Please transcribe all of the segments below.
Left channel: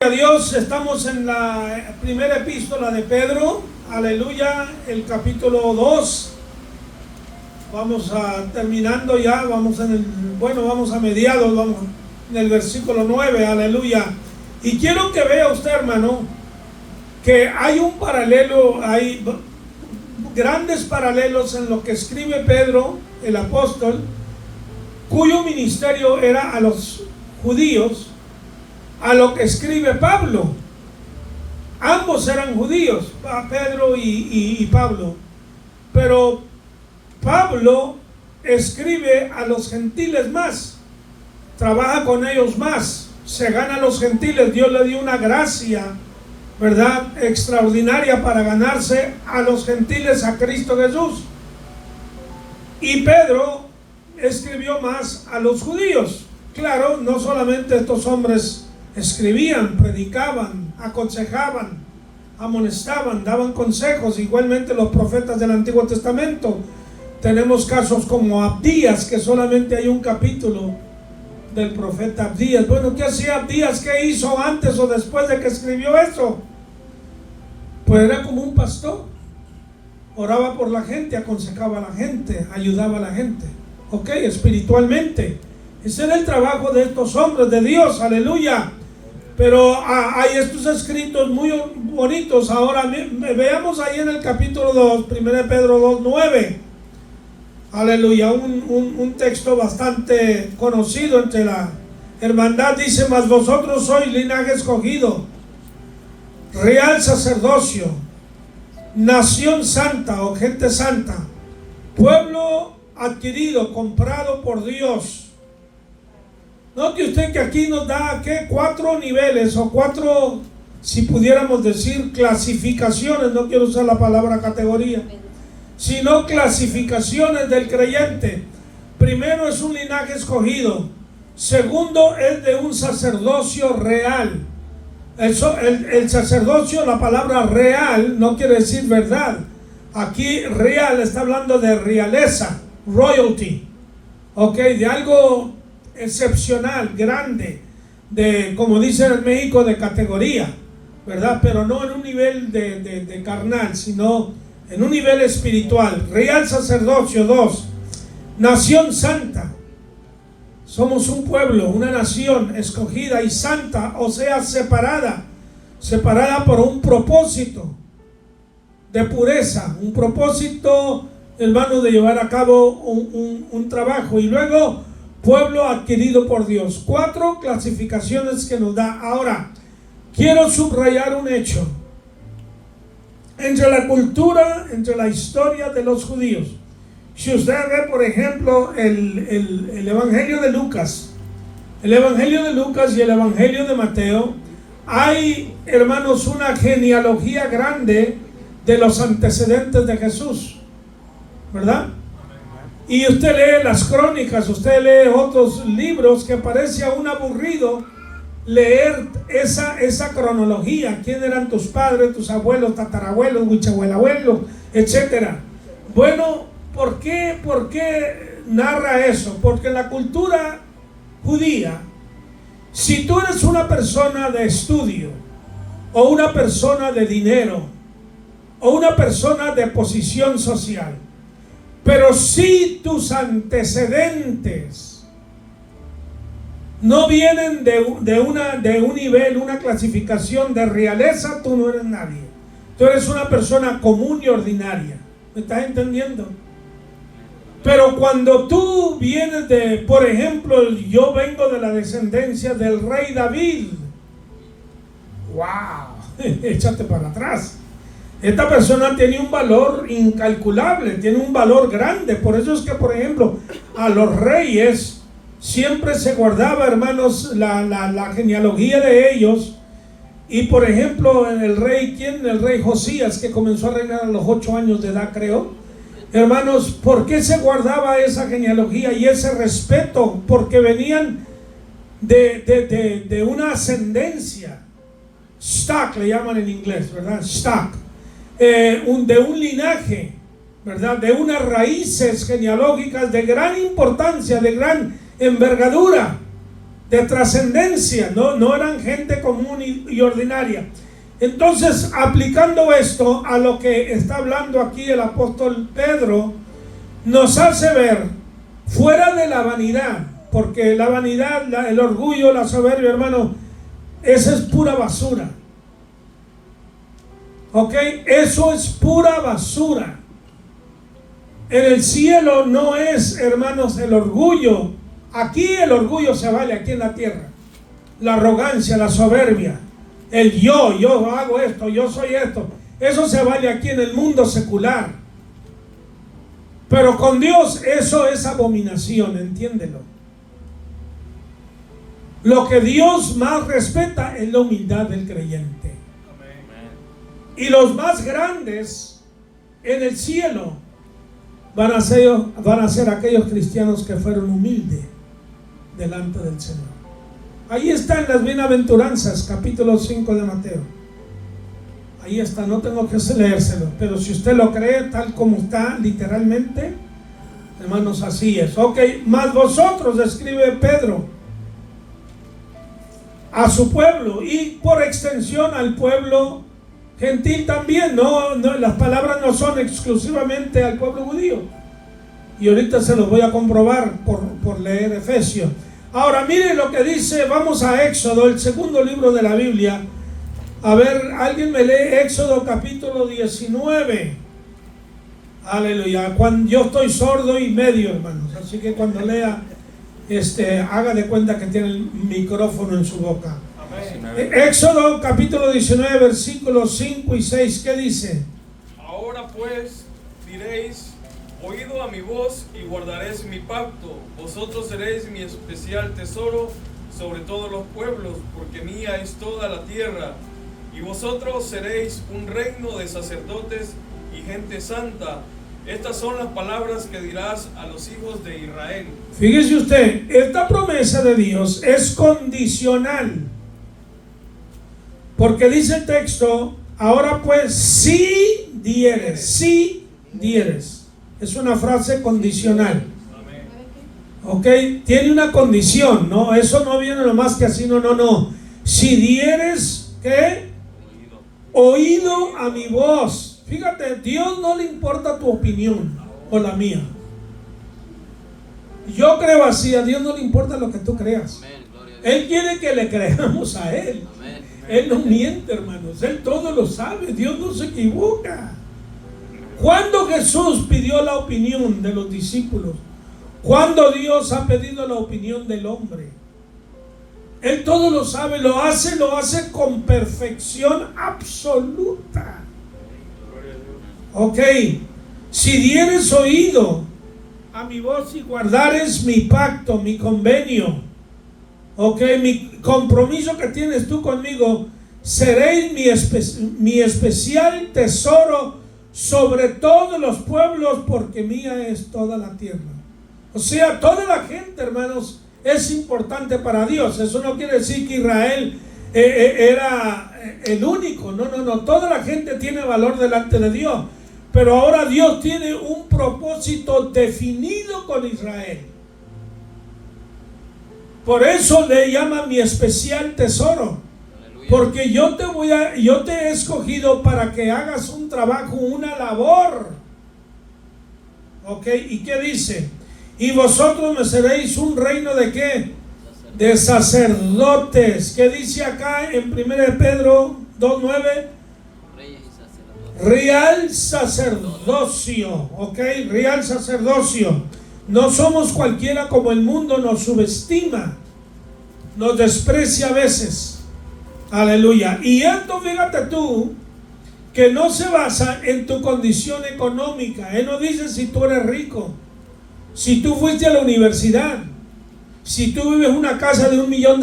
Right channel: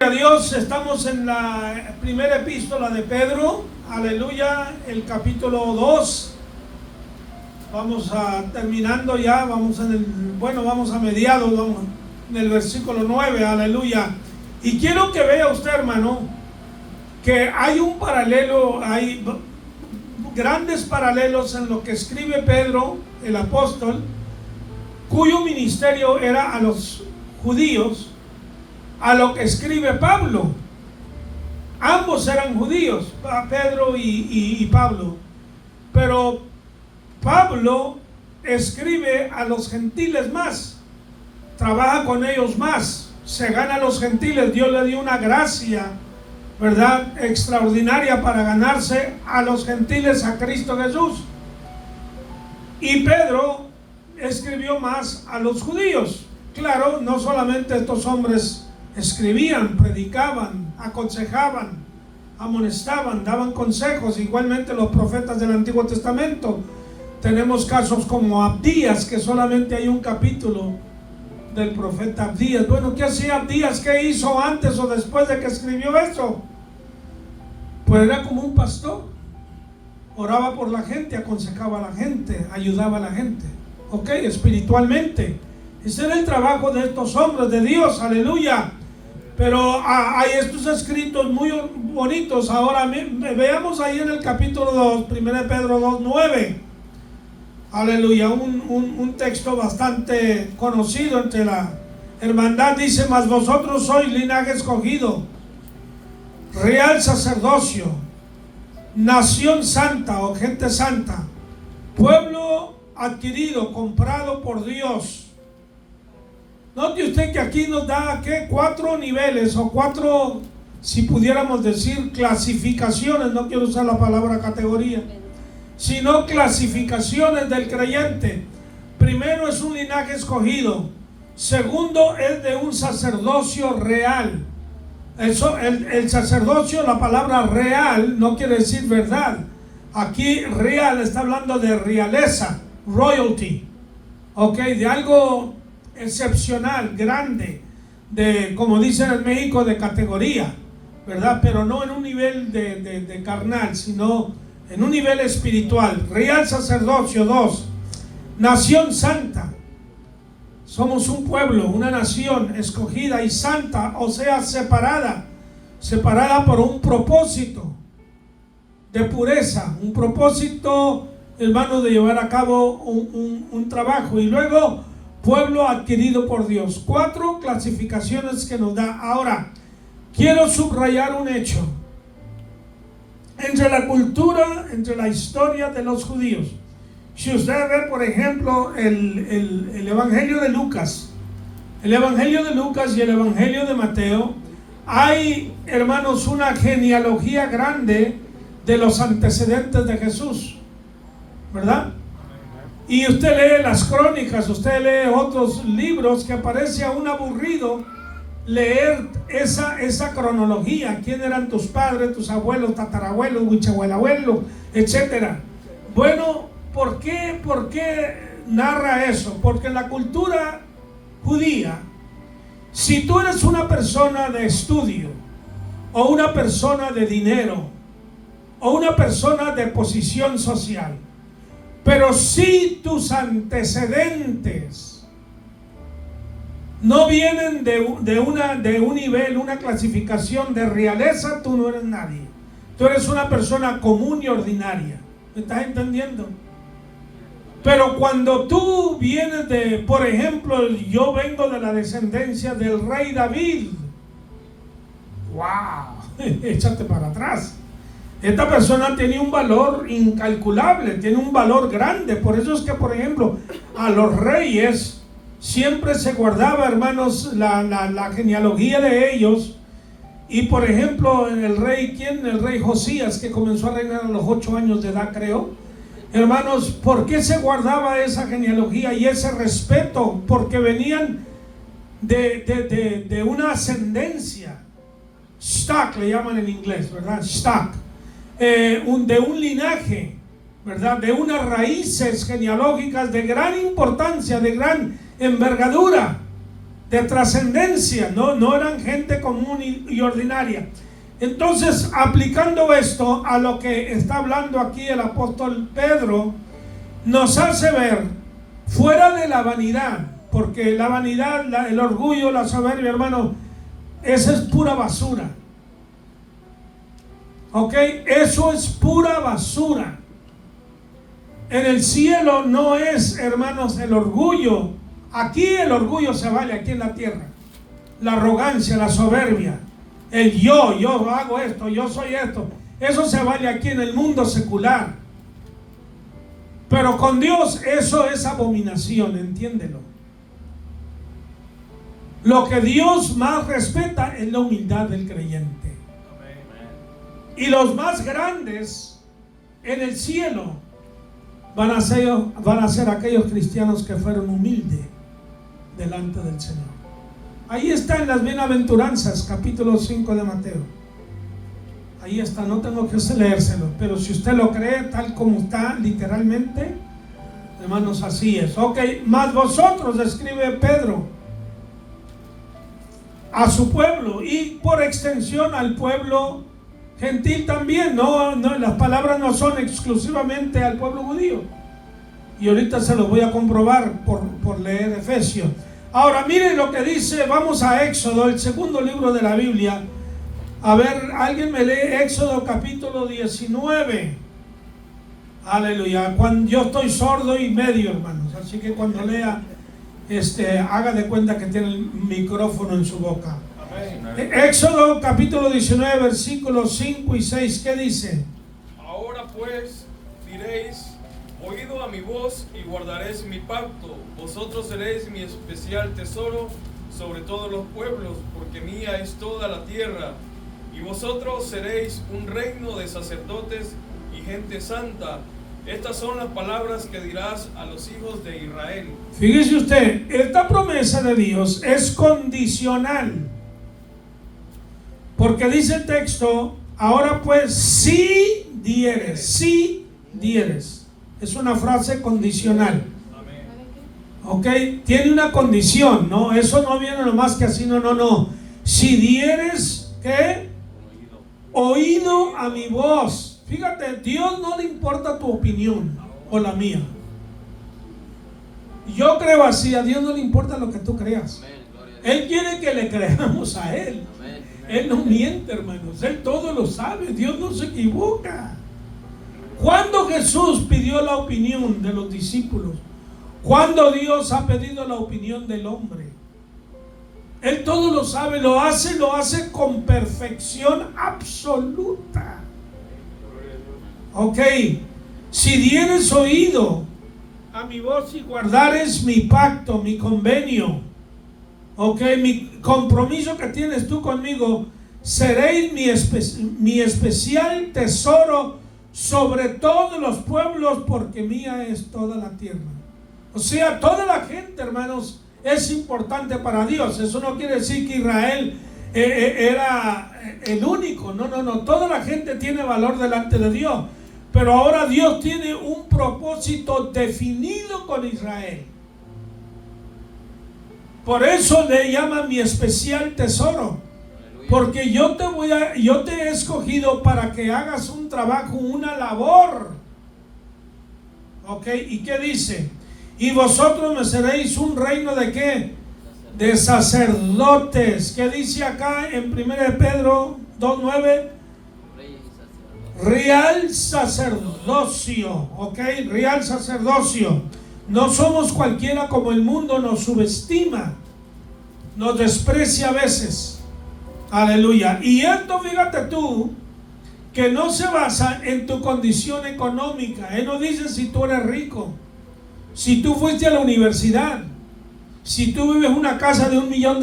A Dios, estamos en la primera epístola de Pedro, aleluya, el capítulo 2. Vamos terminando ya, vamos a mediados, vamos en el versículo 9, aleluya. Y quiero que vea usted, hermano, que hay un paralelo, hay grandes paralelos en lo que escribe Pedro, el apóstol, cuyo ministerio era a los judíos, a lo que escribe Pablo. Ambos eran judíos, Pedro y Pablo, pero Pablo escribe a los gentiles más, trabaja con ellos más, se gana a los gentiles. Dios le dio una gracia, ¿verdad?, extraordinaria para ganarse a los gentiles a Cristo Jesús. Y Pedro escribió más a los judíos. Claro, no solamente estos hombres escribían, predicaban, aconsejaban, amonestaban, daban consejos, igualmente los profetas del Antiguo Testamento. Tenemos casos como Abdías, que solamente hay un capítulo del profeta Abdías. Bueno, ¿qué hacía Abdías? ¿Qué hizo antes o después de que escribió eso? Pues era como un pastor, oraba por la gente, aconsejaba a la gente, ayudaba a la gente, ok, espiritualmente. Ese era el trabajo de estos hombres de Dios, aleluya. Pero hay estos escritos muy bonitos. Ahora veamos ahí en el capítulo 2, 1 Pedro 2, 9. Aleluya, un texto bastante conocido entre la hermandad. Dice: mas vosotros sois linaje escogido, real sacerdocio, nación santa o gente santa, pueblo adquirido, comprado por Dios. Note usted que aquí nos da cuatro niveles o cuatro, si pudiéramos decir, clasificaciones. No quiero usar la palabra categoría, sino clasificaciones del creyente. Primero, es un linaje escogido. Segundo, es de un sacerdocio real. El sacerdocio, la palabra real no quiere decir verdad. Aquí real está hablando de realeza, royalty, ok, de algo excepcional, grande, de, como dicen en México, de categoría, ¿verdad? Pero no en un nivel de carnal, sino en un nivel espiritual. Real sacerdocio. 2, nación santa. Somos un pueblo, una nación escogida y santa, o sea, separada por un propósito de pureza, un propósito, hermano, de llevar a cabo un trabajo. Y luego, pueblo adquirido por Dios. 4 clasificaciones que nos da. Ahora, quiero subrayar un hecho. Entre la cultura, entre la historia de los judíos, si usted ve, por ejemplo, el Evangelio de Lucas, y el Evangelio de Mateo, hay, hermanos, una genealogía grande de los antecedentes de Jesús, ¿verdad? Y usted lee las crónicas, usted lee otros libros, que parece aún aburrido leer esa cronología. ¿Quién eran tus padres, tus abuelos, tatarabuelos, bisabuelos, etcétera? Bueno, ¿por qué narra eso? Porque en la cultura judía, si tú eres una persona de estudio, o una persona de dinero, o una persona de posición social, pero si tus antecedentes no vienen de un nivel, una clasificación de realeza, tú no eres nadie. Tú eres una persona común y ordinaria. ¿Me estás entendiendo? Pero cuando tú vienes de, por ejemplo, yo vengo de la descendencia del rey David. ¡Wow! Échate para atrás. Esta persona tiene un valor incalculable, tiene un valor grande. Por eso es que, por ejemplo, a los reyes siempre se guardaba, hermanos, la genealogía de ellos. Y por ejemplo, en el rey Josías, que comenzó a reinar a los 8 años de edad, creo. Hermanos, ¿por qué se guardaba esa genealogía y ese respeto? Porque venían de una ascendencia. Stock le llaman en inglés, ¿verdad? Stock. De un linaje, ¿verdad? De unas raíces genealógicas de gran importancia, de gran envergadura. de trascendencia, no eran gente común y ordinaria. Entonces, aplicando esto a lo que está hablando aquí el apóstol Pedro, nos hace ver fuera de la vanidad, porque la vanidad, el orgullo, la soberbia, hermano, eso es pura basura. ¿Ok? Eso es pura basura. En el cielo no es, hermanos, el orgullo. Aquí el orgullo se vale, aquí en la tierra. La arrogancia, la soberbia, el yo hago esto, yo soy esto. Eso se vale aquí en el mundo secular. Pero con Dios eso es abominación, entiéndelo. Lo que Dios más respeta es la humildad del creyente. Y los más grandes en el cielo van a ser aquellos cristianos que fueron humildes delante del Señor. Ahí están las bienaventuranzas, capítulo 5 de Mateo. Ahí está, no tengo que leérselo, pero si usted lo cree tal como está, literalmente, hermanos, así es. Ok, más vosotros, escribe Pedro, a su pueblo y por extensión al pueblo gentil también. No, las palabras no son exclusivamente al pueblo judío. Y ahorita se lo voy a comprobar por leer Efesios. Ahora miren lo que dice, vamos a Éxodo, el segundo libro de la Biblia. A ver, alguien me lee Éxodo capítulo 19. Aleluya. Yo estoy sordo y medio, hermanos, así que cuando lea, haga de cuenta que tiene el micrófono en su boca. Amén. Éxodo capítulo 19, versículos 5 y 6, ¿qué dice? Ahora pues diréis: oído a mi voz y guardaréis mi pacto. Vosotros seréis mi especial tesoro sobre todos los pueblos, porque mía es toda la tierra. Y vosotros seréis un reino de sacerdotes y gente santa. Estas son las palabras que dirás a los hijos de Israel. Fíjese usted, esta promesa de Dios es condicional. Porque dice el texto, ahora pues si dieres. Es una frase condicional. Ok, tiene una condición, ¿no? Eso no viene nomás que así, no. Si dieres, ¿qué? Oído a mi voz. Fíjate, Dios no le importa tu opinión o la mía. Yo creo así, a Dios no le importa lo que tú creas. Él quiere que le creamos a Él. Él no miente, hermanos. Él todo lo sabe. Dios no se equivoca. Cuando Jesús pidió la opinión de los discípulos, cuando Dios ha pedido la opinión del hombre, Él todo lo sabe, lo hace con perfección absoluta. Ok, si dieres oído a mi voz y guardares mi pacto, mi convenio, ok, mi compromiso que tienes tú conmigo, seréis mi especial tesoro sobre todos los pueblos, porque mía es toda la tierra. O sea, toda la gente, hermanos, es importante para Dios. Eso no quiere decir que Israel era el único. No. Toda la gente tiene valor delante de Dios. Pero ahora Dios tiene un propósito definido con Israel. Por eso le llama mi especial tesoro. Porque yo te he escogido para que hagas un trabajo, una labor. ¿Ok? ¿Y qué dice? Y vosotros me seréis un reino de ¿qué? De sacerdotes. ¿Qué dice acá en 1 Pedro 2:9? Real sacerdocio. ¿Ok? Real sacerdocio. No somos cualquiera como el mundo nos subestima, nos desprecia a veces. Aleluya. Y esto, fíjate tú, que no se basa en tu condición económica. Él no dice si tú eres rico, si tú fuiste a la universidad, si tú vives en una casa de $1 millón,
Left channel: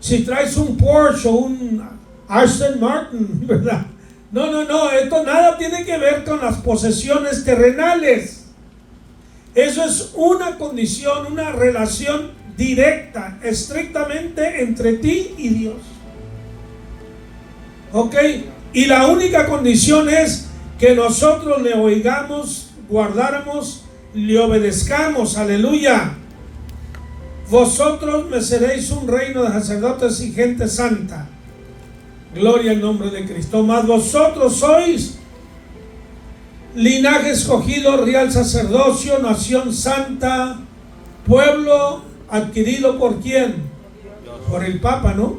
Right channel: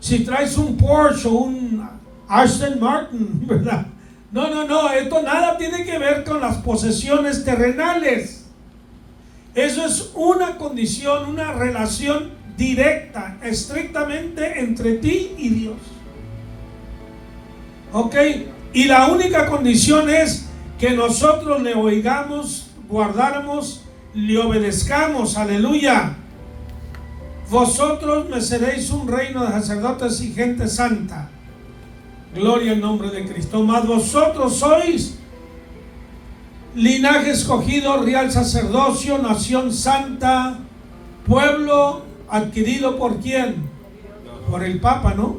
si traes un Porsche o un Aston Martin, ¿verdad? No, esto nada tiene que ver con las posesiones terrenales. Eso es una condición, una relación directa, estrictamente entre ti y Dios. ¿Ok? Y la única condición es que nosotros le oigamos, guardáramos, le obedezcamos. Aleluya. vosotros me seréis un reino de sacerdotes y gente santa. Gloria al nombre de Cristo. Mas vosotros sois linaje escogido, real sacerdocio, nación santa, pueblo adquirido por ¿quién? Por el Papa, ¿no?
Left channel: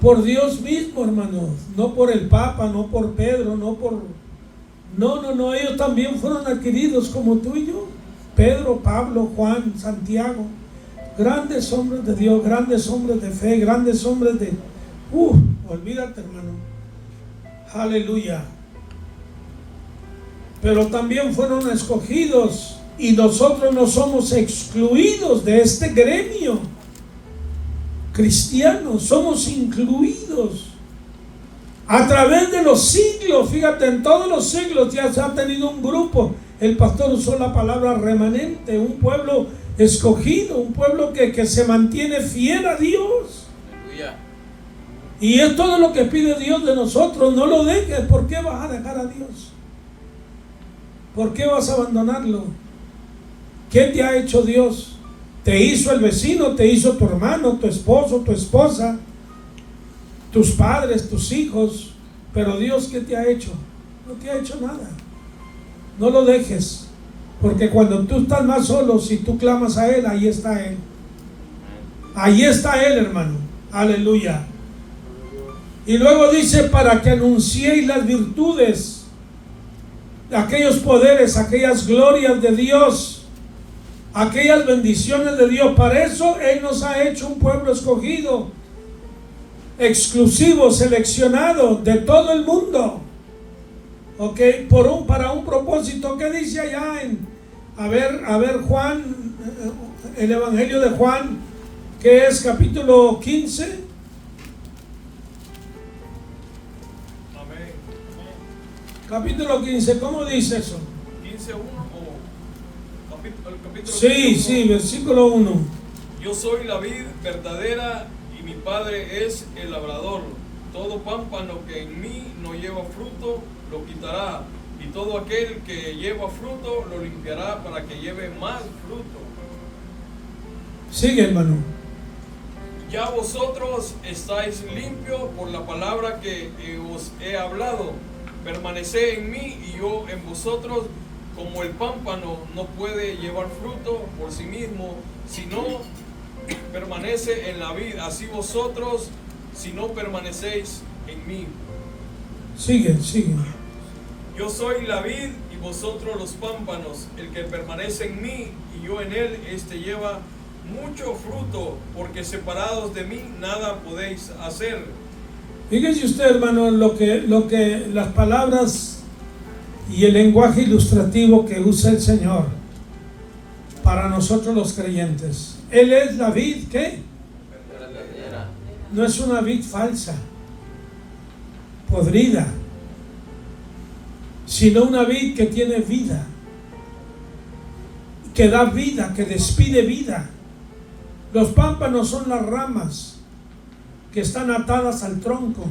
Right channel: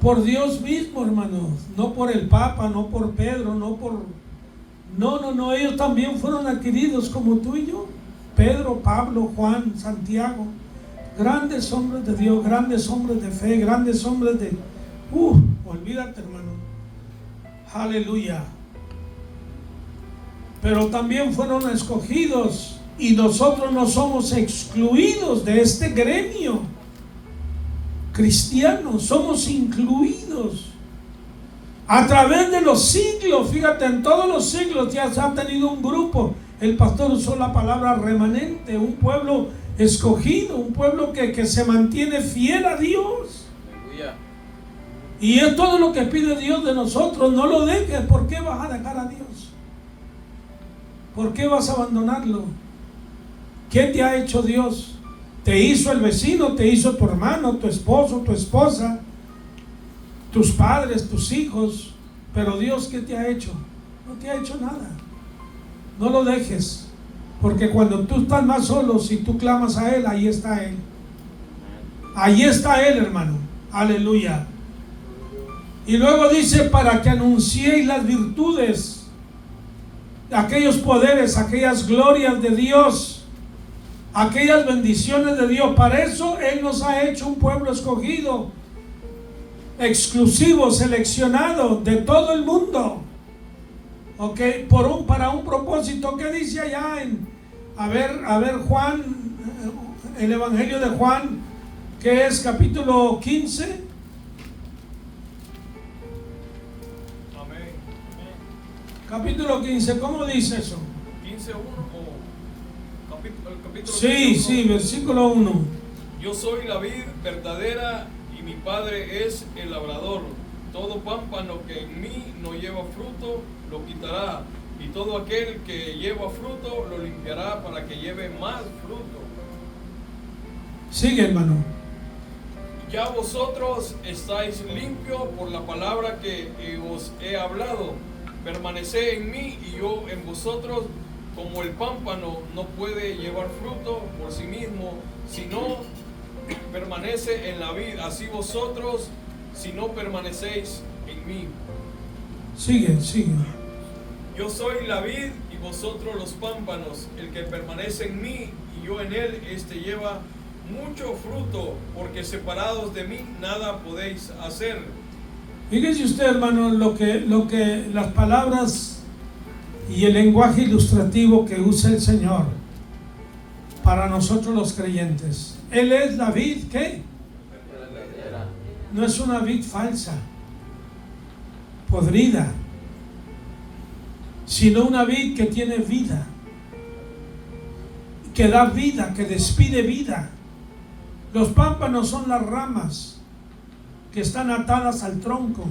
Por Dios mismo, hermanos. No por el Papa, no por Pedro, no por... No, ellos también fueron adquiridos como tú y yo. Pedro, Pablo, Juan, Santiago, grandes hombres de Dios, grandes hombres de fe, grandes hombres de... olvídate, hermano. Aleluya. Pero también fueron escogidos, y nosotros no somos excluidos de este gremio cristiano, somos incluidos a través de los siglos. Fíjate, en todos los siglos ya se ha tenido un grupo. El pastor usó la palabra remanente, un pueblo escogido, un pueblo que se mantiene fiel a Dios. Y es todo lo que pide Dios de nosotros. No lo dejes. ¿Por qué vas a dejar a Dios? ¿Por qué vas a abandonarlo? ¿Qué te ha hecho Dios? Te hizo el vecino, te hizo tu hermano, tu esposo, tu esposa, tus padres, tus hijos. Pero Dios, ¿qué te ha hecho? No te ha hecho nada. No lo dejes, porque cuando tú estás más solo, si tú clamas a Él, ahí está Él. Ahí está Él, hermano. Aleluya. Y luego dice, para que anunciéis las virtudes, aquellos poderes, aquellas glorias de Dios, aquellas bendiciones de Dios. Para eso Él nos ha hecho un pueblo escogido, exclusivo, seleccionado de todo el mundo. Ok, para un propósito. ¿Qué dice allá en, a ver Juan, el Evangelio de Juan, que es capítulo 15? Amén. Capítulo 15, ¿cómo dice eso? 15:1 o capítulo Sí, 15:1. sí, versículo 1. Yo soy la vid verdadera y mi Padre es el labrador. Todo pámpano que en mí no lleva fruto, lo quitará, y todo aquel que lleva fruto, lo limpiará para que lleve más fruto. Sigue, hermano. Ya vosotros estáis limpios por la palabra que os he hablado. Permaneced en mí y yo en vosotros. Como el pámpano no puede llevar fruto por sí mismo, sino permanece en la vid, así vosotros, si no permanecéis en mí. Sigue. Yo soy la vid y vosotros los pámpanos. El que permanece en mí y yo en él, este lleva mucho fruto, porque separados de mí nada podéis hacer. Fíjese usted, hermano, lo que las palabras y el lenguaje ilustrativo que usa el Señor para nosotros los creyentes. Él es la vid, ¿qué? No es una vid falsa, podrida, sino una vid que tiene vida, que da vida, que despide vida. Los pámpanos son las ramas que están atadas al tronco.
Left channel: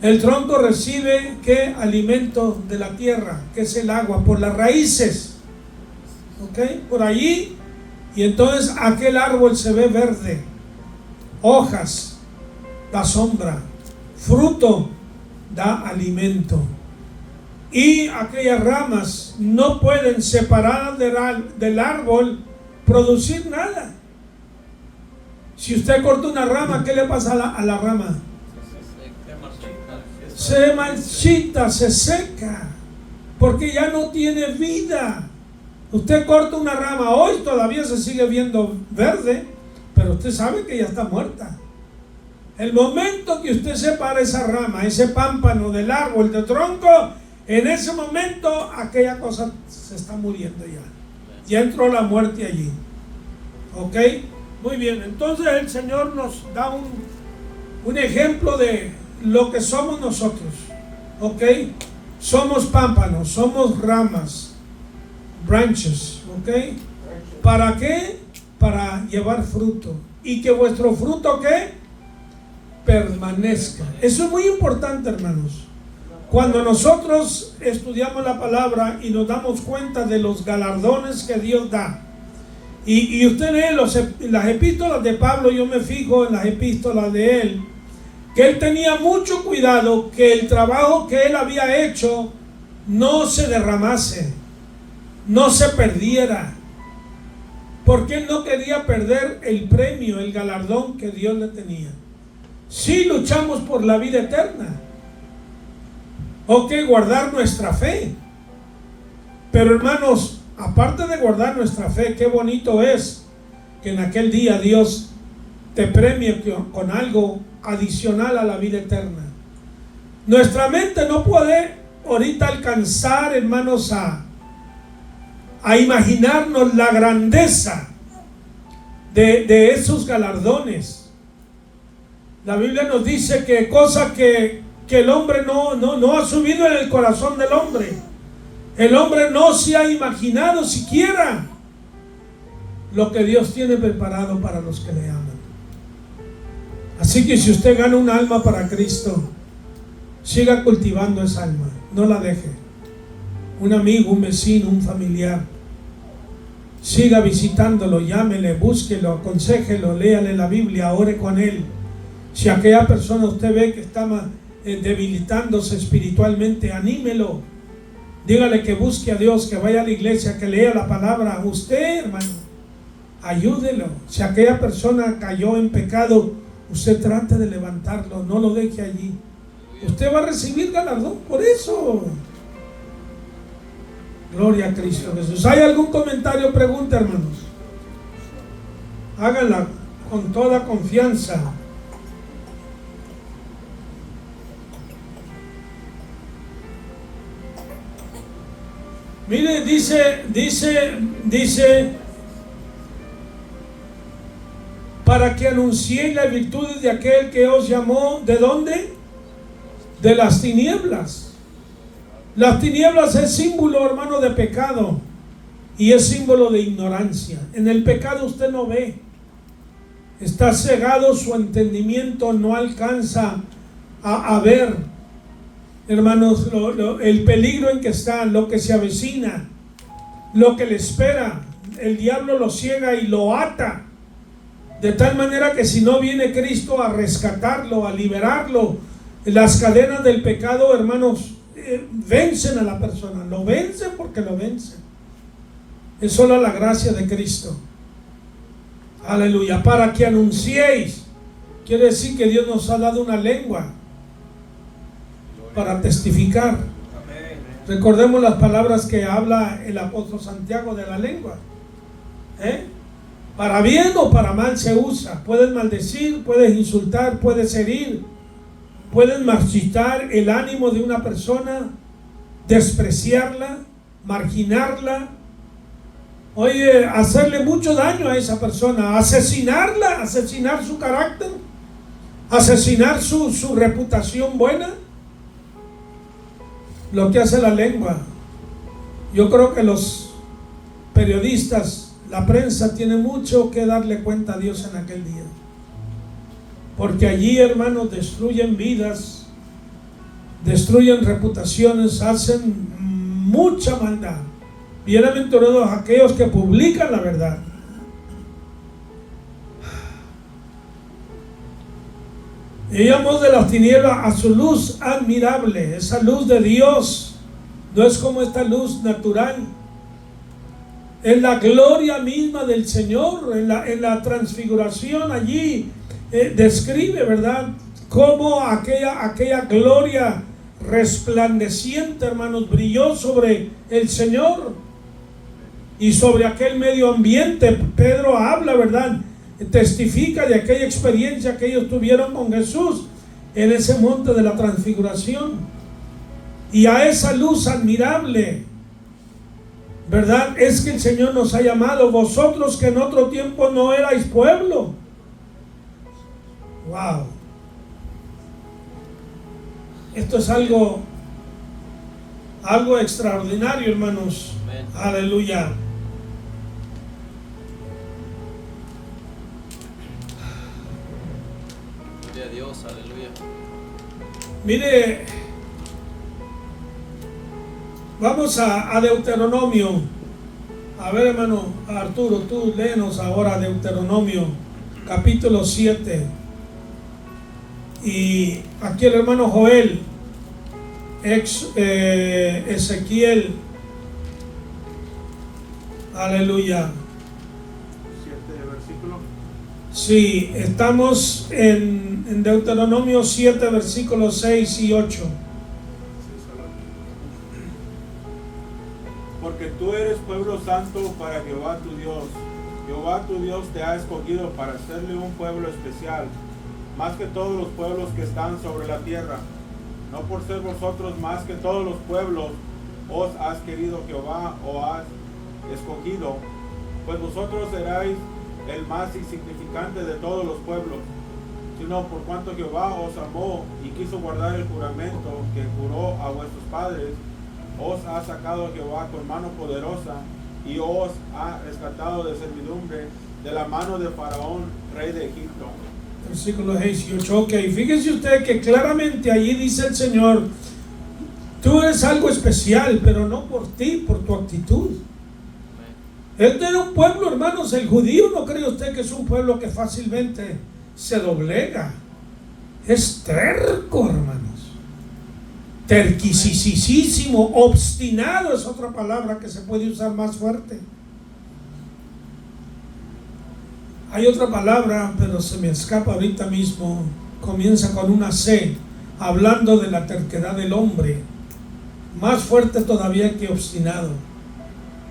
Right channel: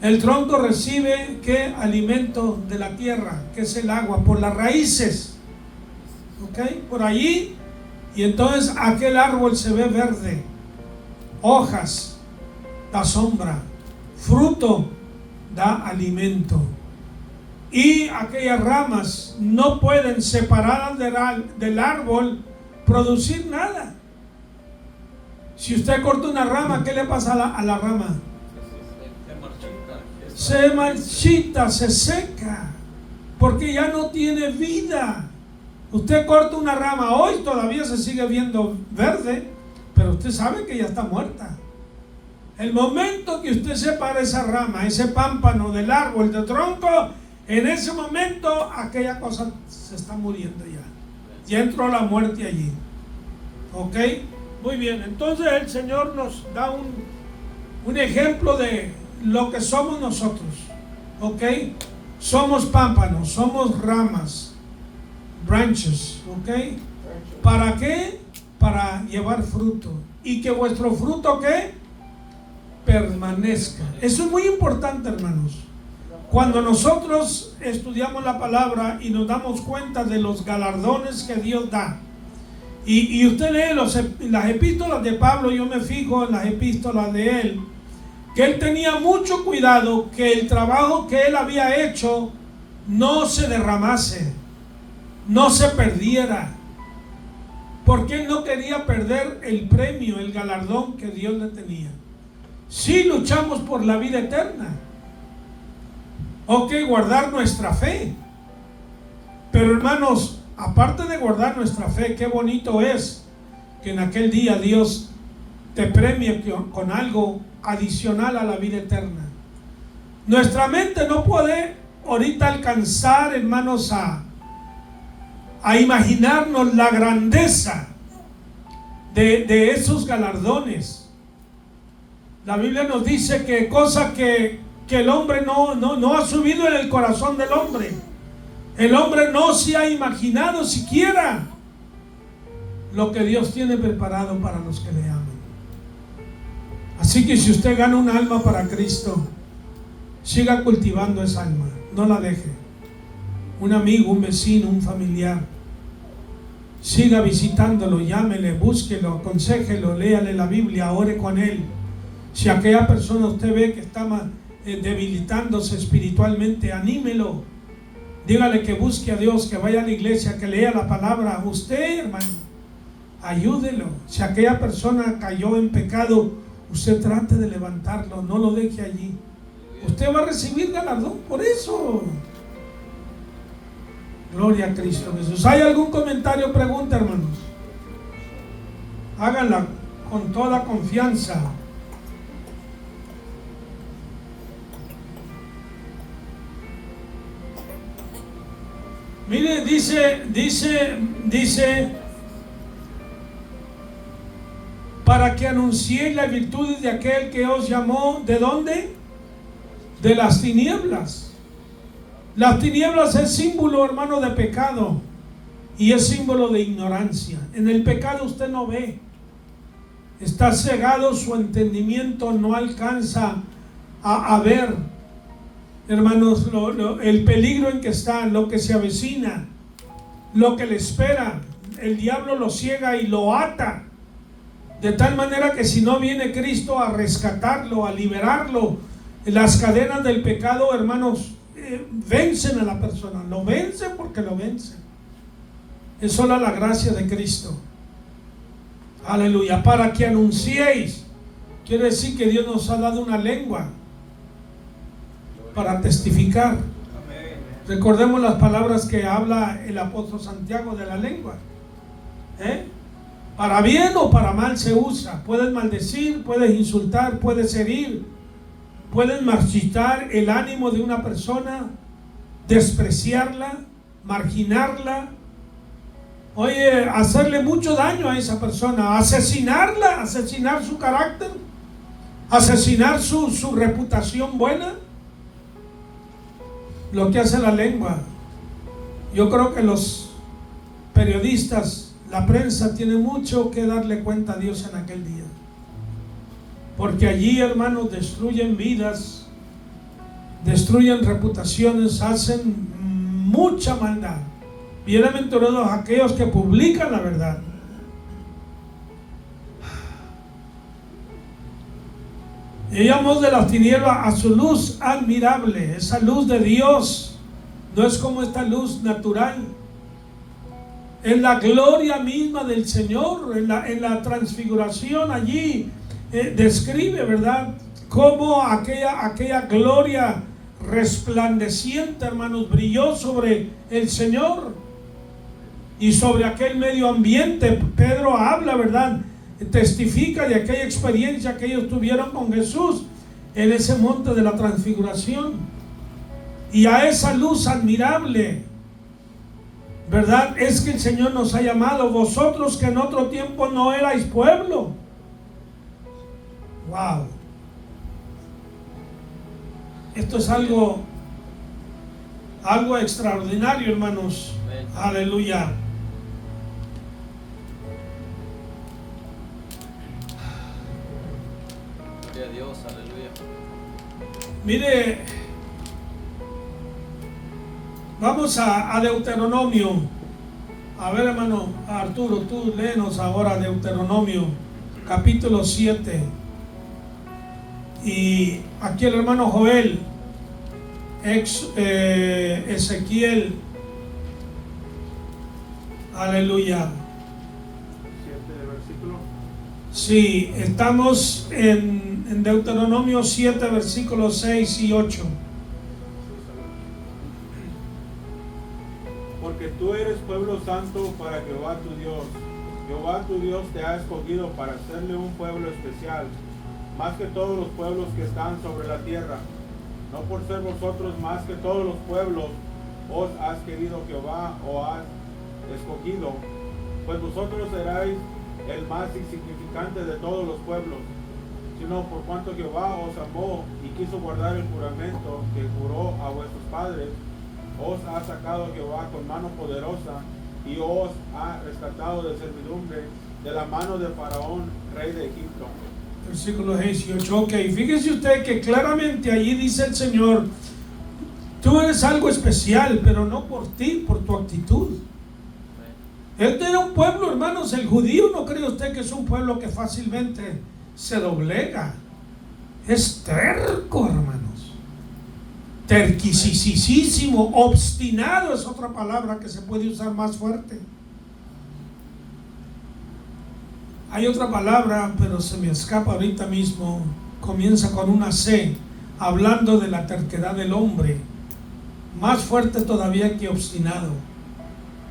El tronco recibe ¿qué? Alimento de la tierra, que es el agua, por las raíces, ¿ok? Por allí, y entonces aquel árbol se ve verde, hojas, da sombra, fruto, da alimento. Y aquellas ramas no pueden separar del árbol, producir nada. Si usted corta una rama, ¿qué le pasa a la rama? Se marchita, se seca, porque ya no tiene vida. Usted corta una rama hoy, todavía se sigue viendo verde, pero usted sabe que ya está muerta. El momento que usted separa esa rama, ese pámpano del árbol, del tronco, en ese momento aquella cosa se está muriendo ya. Ya entró la muerte allí. ¿Ok? Muy bien, entonces el Señor nos da un ejemplo de lo que somos nosotros. ¿Ok? Somos pámpanos, somos ramas, branches. ¿Ok? ¿Para qué? Para llevar fruto. Y que vuestro fruto, ¿qué? Permanezca. Eso es muy importante, hermanos. Cuando nosotros estudiamos la palabra y nos damos cuenta de los galardones que Dios da, Y usted lee las epístolas de Pablo, yo me fijo en las epístolas de él, que él tenía mucho cuidado que el trabajo que él había hecho no se derramase, no se perdiera, porque él no quería perder el premio, el galardón que Dios le tenía. Sí luchamos por la vida eterna, o que guardar nuestra fe, pero hermanos, aparte de guardar nuestra fe, qué bonito es que en aquel día Dios te premie con algo adicional a la vida eterna. Nuestra mente no puede ahorita alcanzar, hermanos, a imaginarnos la grandeza de esos galardones. La Biblia nos dice que cosas que el hombre no ha subido en el corazón del hombre. El hombre no se ha imaginado siquiera lo que Dios tiene preparado para los que le aman. Así que si usted gana un alma para Cristo, siga cultivando esa alma, no la deje. Un amigo, un vecino, un familiar, siga visitándolo, llámele, búsquelo, aconséjelo, léale la Biblia, ore con él. Si aquella persona usted ve que está debilitándose espiritualmente, anímelo. Dígale que busque a Dios, que vaya a la iglesia, que lea la palabra. Usted, hermano, ayúdelo. Si aquella persona cayó en pecado, usted trate de levantarlo, no lo deje allí. Usted va a recibir galardón por eso. Gloria a Cristo Jesús. ¿Hay algún comentario o pregunta, hermanos? Háganla con toda confianza. Mire, dice, para que anunciéis las virtudes de aquel que os llamó, ¿de dónde? De las tinieblas. Las tinieblas es símbolo, hermano, de pecado y es símbolo de ignorancia. En el pecado usted no ve, está cegado, su entendimiento no alcanza a ver, hermanos, el peligro en que está, lo que se avecina, lo que le espera. El diablo lo ciega y lo ata, de tal manera que si no viene Cristo a rescatarlo, a liberarlo, las cadenas del pecado, hermanos, vencen a la persona. Lo vencen porque lo vencen. Es solo la gracia de Cristo. Aleluya. Para que anunciéis, quiere decir que Dios nos ha dado una lengua para testificar. Recordemos las palabras que habla el apóstol Santiago de la lengua. Para bien o para mal se usa. Puedes maldecir, puedes insultar, puedes herir, puedes marchitar el ánimo de una persona, despreciarla, marginarla, oye, hacerle mucho daño a esa persona, asesinarla, asesinar su carácter, asesinar su reputación buena. Lo que hace la lengua. Yo creo que los periodistas, la prensa, tiene mucho que darle cuenta a Dios en aquel día, porque allí, hermanos, destruyen vidas, destruyen reputaciones, hacen mucha maldad. Bienaventurados aquellos que publican la verdad. Llegamos de las tinieblas a su luz admirable. Esa luz de Dios no es como esta luz natural. Es la gloria misma del Señor. En la transfiguración allí describe, ¿verdad?, cómo aquella gloria resplandeciente, hermanos, brilló sobre el Señor y sobre aquel medio ambiente. Pedro habla, ¿verdad?, testifica de aquella experiencia que ellos tuvieron con Jesús en ese monte de la transfiguración. Y a esa luz admirable, ¿verdad?, es que el Señor nos ha llamado. Vosotros que en otro tiempo no erais pueblo. Wow. Esto es algo extraordinario, hermanos. Amén. Aleluya. Gloria a Dios, aleluya. Mire, vamos a Deuteronomio, A ver, hermano Arturo, tú léenos ahora Deuteronomio capítulo 7. Y aquí el hermano Joel, Ezequiel, aleluya. 7 versículo. Sí, estamos en Deuteronomio 7, versículos 6 y 8. Porque tú eres pueblo santo para Jehová tu Dios. Jehová tu Dios te ha escogido para hacerle un pueblo especial, más que todos los pueblos que están sobre la tierra. No por ser vosotros más que todos los pueblos os has querido Jehová o has escogido, pues vosotros seráis el más insignificante de todos los pueblos, sino por cuanto Jehová os amó y quiso guardar el juramento que juró a vuestros padres, os ha sacado Jehová con mano poderosa y os ha rescatado de servidumbre de la mano de Faraón, rey de Egipto. Versículo 6 y 8. Ok, fíjese usted que claramente allí dice el Señor, tú eres algo especial, pero no por ti, por tu actitud. Este era un pueblo, hermanos, el judío, ¿no cree usted que es un pueblo que fácilmente se doblega? Es terco, hermanos. Terquisísimo, obstinado es otra palabra que se puede usar más fuerte. Hay otra palabra, pero se me escapa ahorita mismo. Comienza con una C, hablando de la terquedad del hombre. Más fuerte todavía que obstinado.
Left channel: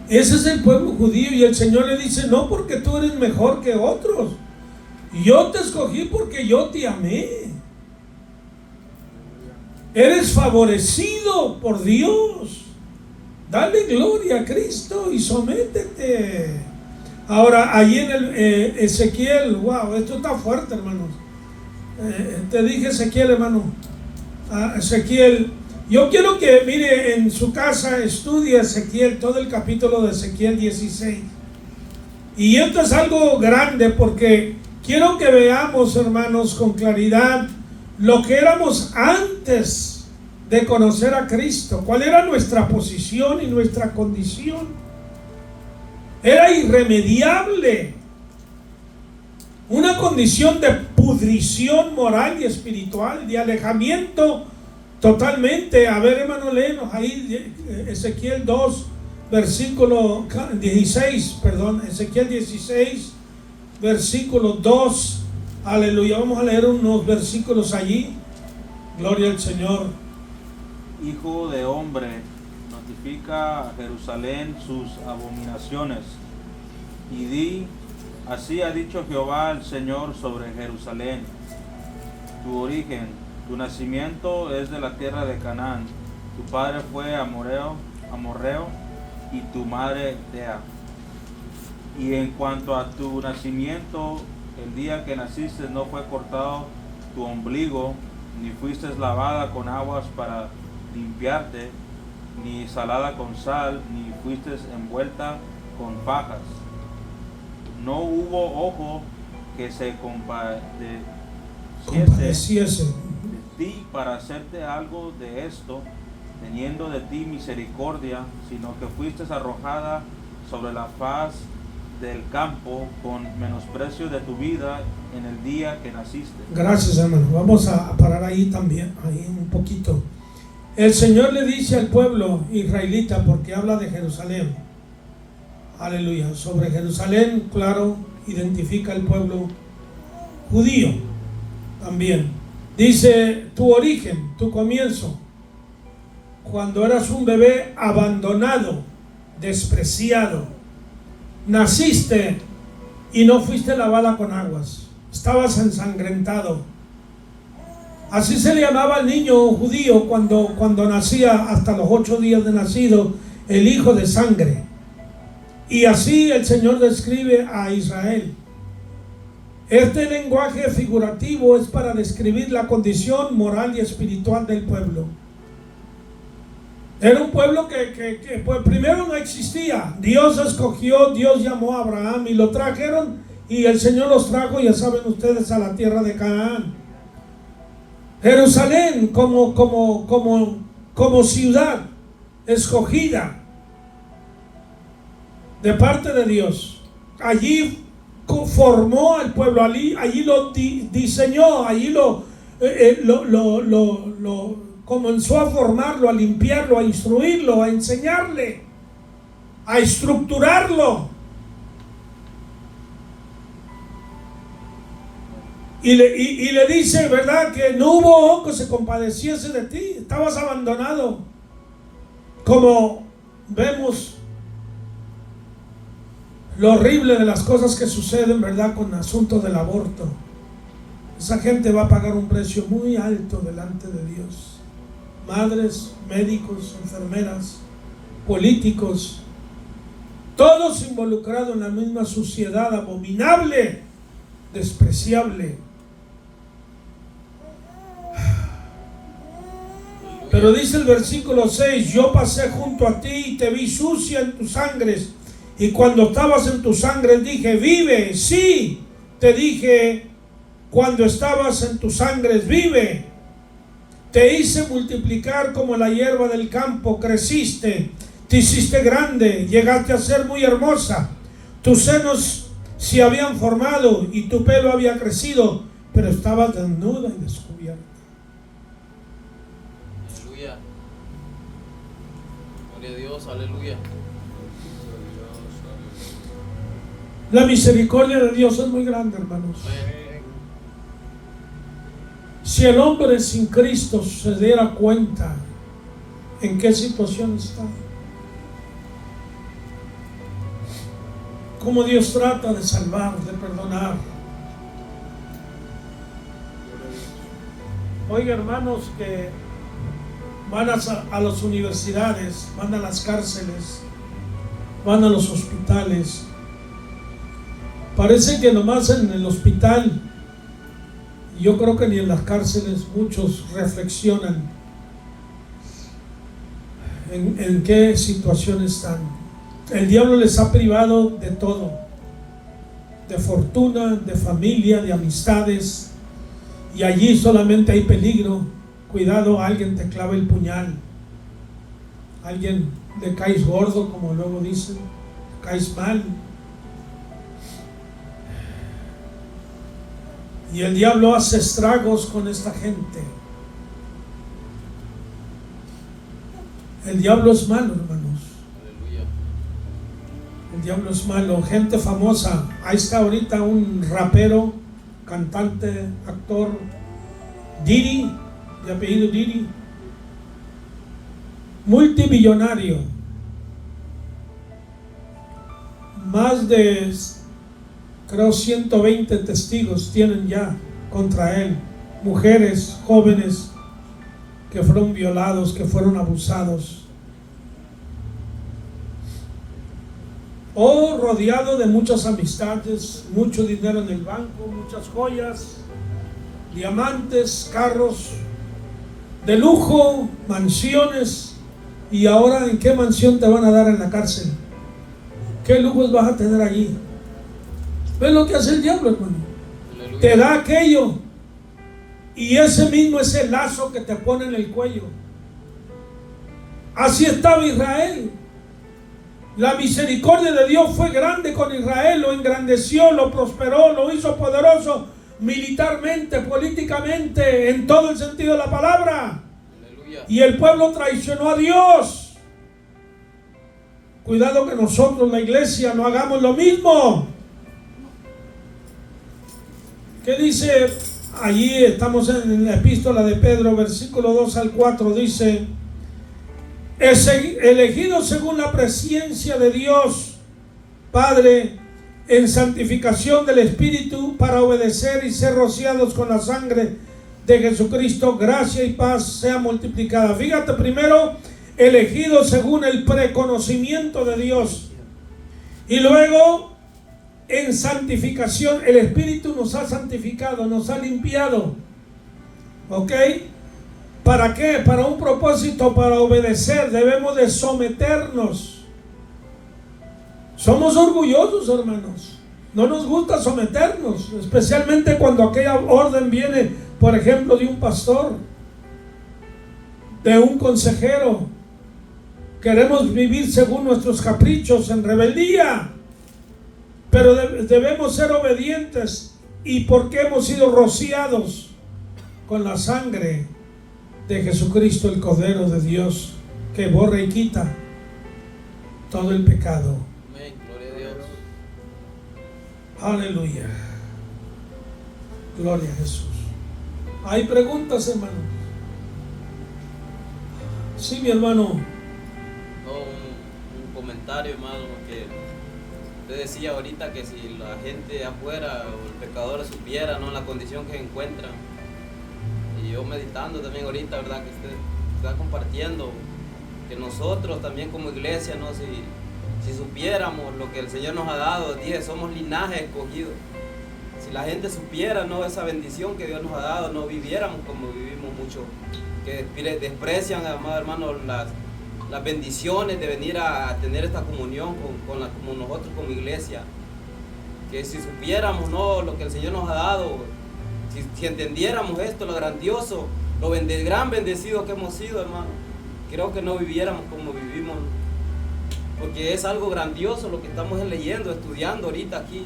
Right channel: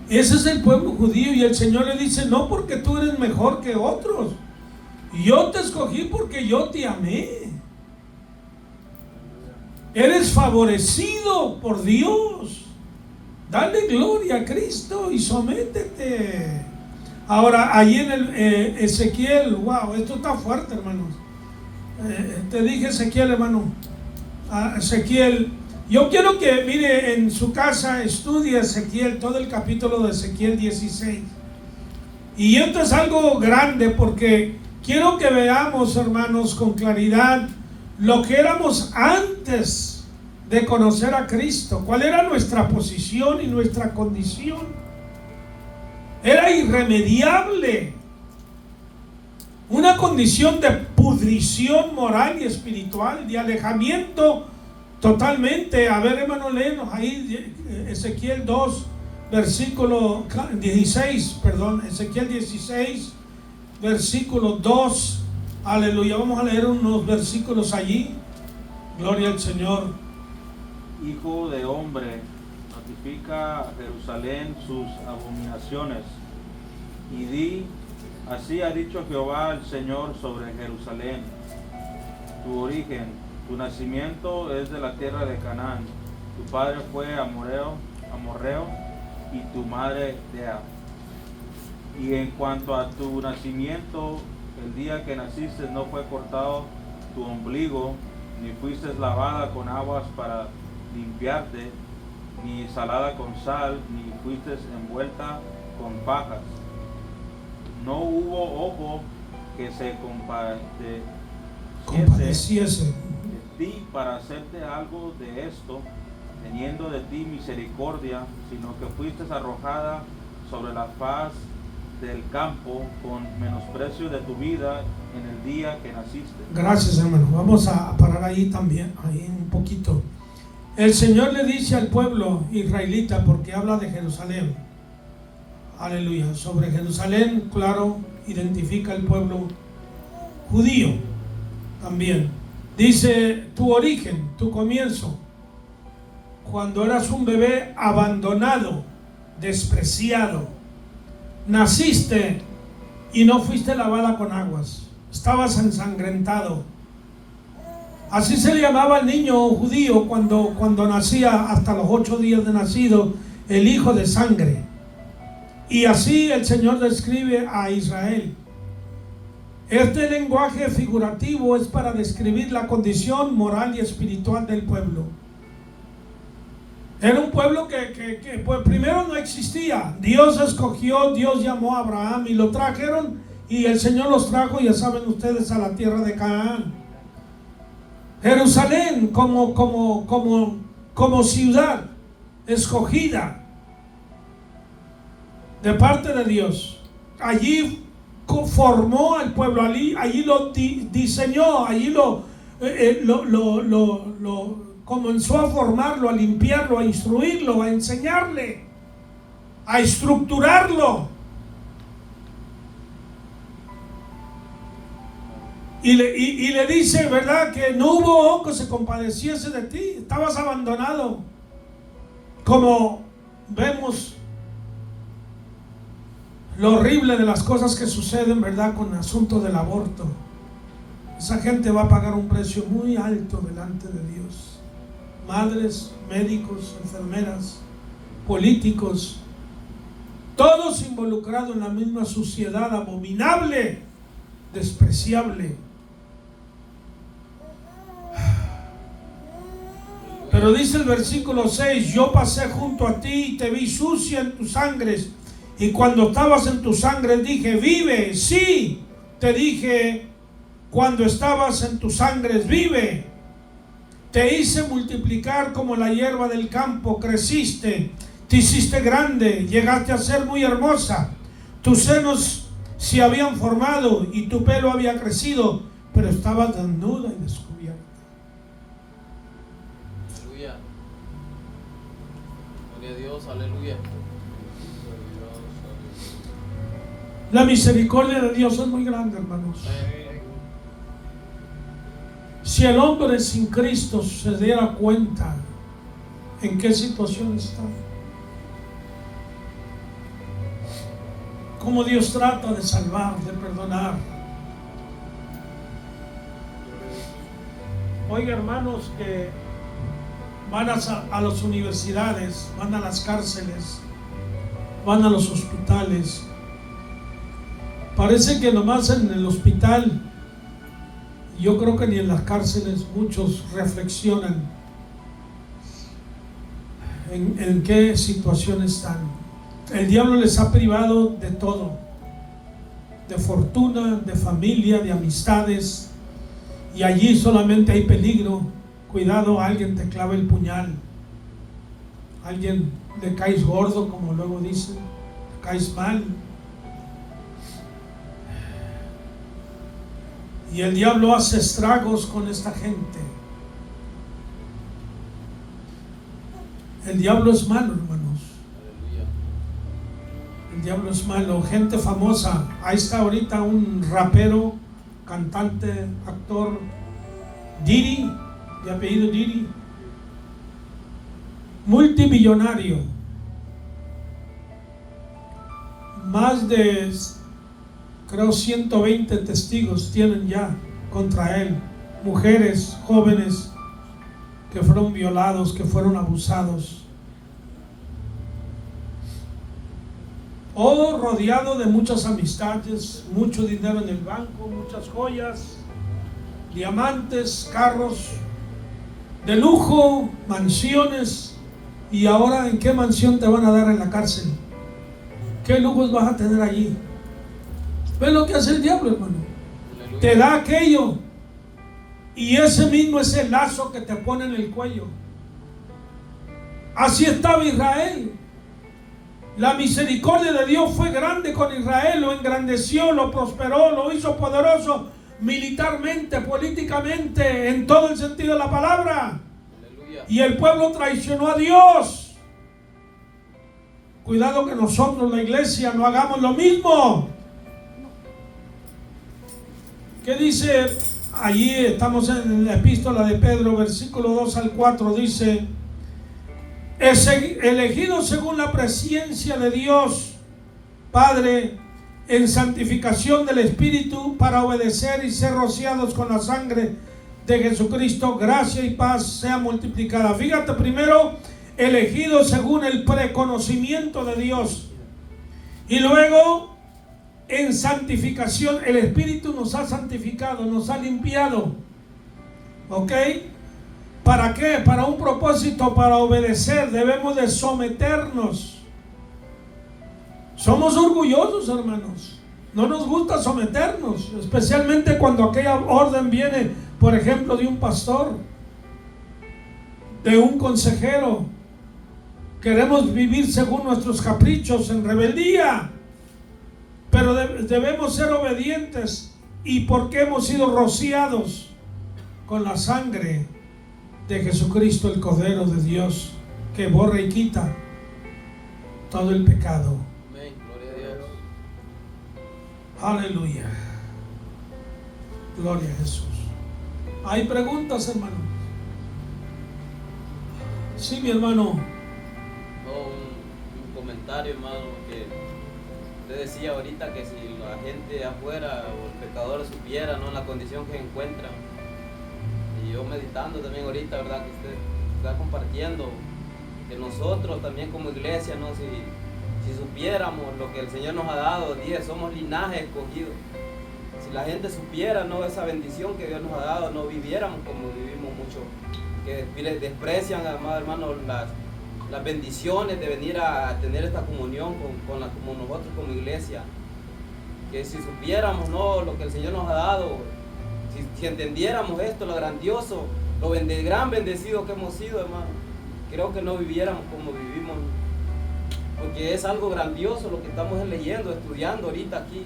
Ese es el pueblo judío y el Señor le dice, no porque tú eres mejor que otros. Yo te escogí porque yo te amé. Eres favorecido por Dios. Dale gloria a Cristo y sométete. Ahora, allí en el Ezequiel, wow, esto está fuerte, hermanos. Te dije Ezequiel, hermano. Ezequiel, yo quiero que mire en su casa, estudie Ezequiel, todo el capítulo de Ezequiel 16. Y esto es algo grande porque quiero que veamos, hermanos, con claridad lo que éramos antes de conocer a Cristo, cuál era nuestra posición y nuestra condición. Era irremediable, una condición de pudrición moral y espiritual, de alejamiento totalmente. A ver, hermano, léenos ahí Ezequiel 2, versículo 16, perdón, Ezequiel 16, versículo 2. Aleluya, vamos a leer unos versículos allí. Gloria al Señor. Hijo de hombre, notifica a Jerusalén sus abominaciones y di, así ha dicho Jehová el Señor sobre Jerusalén. Tu origen, tu nacimiento es de la tierra de Canaán, tu padre fue amorreo y tu madre Tea. Y en cuanto a tu nacimiento, el día que naciste no fue cortado tu ombligo, ni fuiste lavada con aguas para limpiarte, ni salada con sal, ni fuiste envuelta con fajas. No hubo ojo que se compadeciese de ti para hacerte algo de esto, teniendo de ti misericordia, sino que fuiste arrojada sobre la faz del campo con menosprecio de tu vida en el día que naciste. Gracias, hermano. Vamos a parar ahí también, ahí un poquito. El Señor le dice al pueblo israelita, porque habla de Jerusalén, aleluya, sobre Jerusalén, claro, identifica el pueblo judío también. Dice, tu origen, tu comienzo, cuando eras un bebé abandonado, despreciado, naciste y no fuiste lavada con aguas, estabas ensangrentado. Así se llamaba el niño judío cuando nacía hasta los 8 días de nacido, el hijo de sangre. Y así el Señor describe a Israel. Este lenguaje figurativo es para describir la condición moral y espiritual del pueblo. Era un pueblo que pues, primero no existía. Dios escogió, Dios llamó a Abraham y lo trajeron, y el Señor los trajo, ya saben ustedes, a la tierra de Canaán. Jerusalén como ciudad escogida. de parte de Dios. Allí formó al pueblo, allí lo diseñó, allí lo comenzó a formarlo, a limpiarlo, a instruirlo, a enseñarle, a estructurarlo. Y le dice, ¿verdad?, que no hubo que se compadeciese de ti, estabas abandonado. Como vemos lo horrible de las cosas que suceden, ¿verdad?, con el asunto del aborto. Esa gente va a pagar un precio muy alto delante de Dios. Madres, médicos, enfermeras, políticos, todos involucrados en la misma suciedad abominable, despreciable. Pero dice el versículo 6, yo pasé junto a ti y te vi sucia en tus sangres, y cuando estabas en tus sangres dije, vive. Sí, te dije, cuando estabas en tus sangres, vive. Te hice multiplicar como la hierba del campo, creciste, te hiciste grande, llegaste a ser muy hermosa. Tus senos se habían formado y tu pelo había crecido, pero estabas desnuda y descubierta. Aleluya. Gloria a Dios, aleluya. La misericordia de Dios es muy grande, hermanos. Si el hombre sin Cristo se diera cuenta en qué situación está, cómo Dios trata de salvar, de perdonar. Oiga, hermanos, que van a las universidades, van a las cárceles, van a los hospitales. Parece que nomás en el hospital, yo creo que ni en las cárceles muchos reflexionan en qué situación están. El diablo les ha privado de todo, de fortuna, de familia, de amistades, y allí solamente hay peligro. Cuidado, alguien te clava el puñal, alguien le caes gordo, como luego dicen, caes mal. Y el diablo hace estragos con esta gente. El diablo es malo, hermanos. Aleluya. El diablo es malo. Gente famosa. Ahí está ahorita un rapero, cantante, actor, Diddy, de apellido Diddy. Multimillonario. Más de, creo, 120 testigos tienen ya contra él. Mujeres, jóvenes que fueron violados, que fueron abusados. O rodeado de muchas amistades, mucho dinero en el banco, muchas joyas, diamantes, carros de lujo, mansiones. Y ahora, ¿en qué mansión te van a dar en la cárcel? ¿Qué lujos vas a tener allí? ¿Ves lo que hace el diablo, hermano? Aleluya. Te da aquello, y ese mismo es el lazo que te pone en el cuello. Así estaba Israel. La misericordia de Dios fue grande con Israel, lo engrandeció, lo prosperó, lo hizo poderoso militarmente, políticamente, en todo el sentido de la palabra. Aleluya. Y el pueblo traicionó a Dios. Cuidado que nosotros, la iglesia, no hagamos lo mismo. ¿Qué dice? Allí estamos en la epístola de Pedro, versículo 2 al 4, dice: elegido según la presciencia de Dios Padre, en santificación del Espíritu, para obedecer y ser rociados con la sangre de Jesucristo, gracia y paz sea multiplicada. Fíjate, primero, elegido según el preconocimiento de Dios, y luego en santificación. El Espíritu nos ha santificado, nos ha limpiado. ¿Ok? ¿Para qué? Para un propósito, para obedecer. Debemos de someternos. Somos orgullosos, hermanos. No nos gusta someternos, especialmente cuando aquella orden viene, por ejemplo, de un pastor, de un consejero. Queremos vivir según nuestros caprichos en rebeldía, pero debemos ser obedientes, y porque hemos sido rociados con la sangre de Jesucristo, el Cordero de Dios, que borra y quita todo el pecado. Amén. Gloria a Dios. Aleluya. Gloria a Jesús. ¿Hay preguntas, hermano? Sí, mi hermano. No, un comentario, hermano, que usted decía ahorita que si la gente afuera o el pecador supiera, ¿no?, la condición que encuentran. Y yo meditando también ahorita, ¿verdad?, que usted está compartiendo, que nosotros también como iglesia, ¿no?, si supiéramos lo que el Señor nos ha dado, dije, somos linaje escogido. Si la gente supiera, ¿no?, esa bendición que Dios nos ha dado, no viviéramos como vivimos mucho, que desprecian, amado hermano, las bendiciones de venir a tener esta comunión como nosotros como iglesia. Que si supiéramos, ¿no?, lo que el Señor nos ha dado, si entendiéramos esto, lo grandioso, gran bendecido que hemos sido, hermano, creo que no viviéramos como vivimos, porque es algo grandioso lo que estamos leyendo, estudiando ahorita aquí.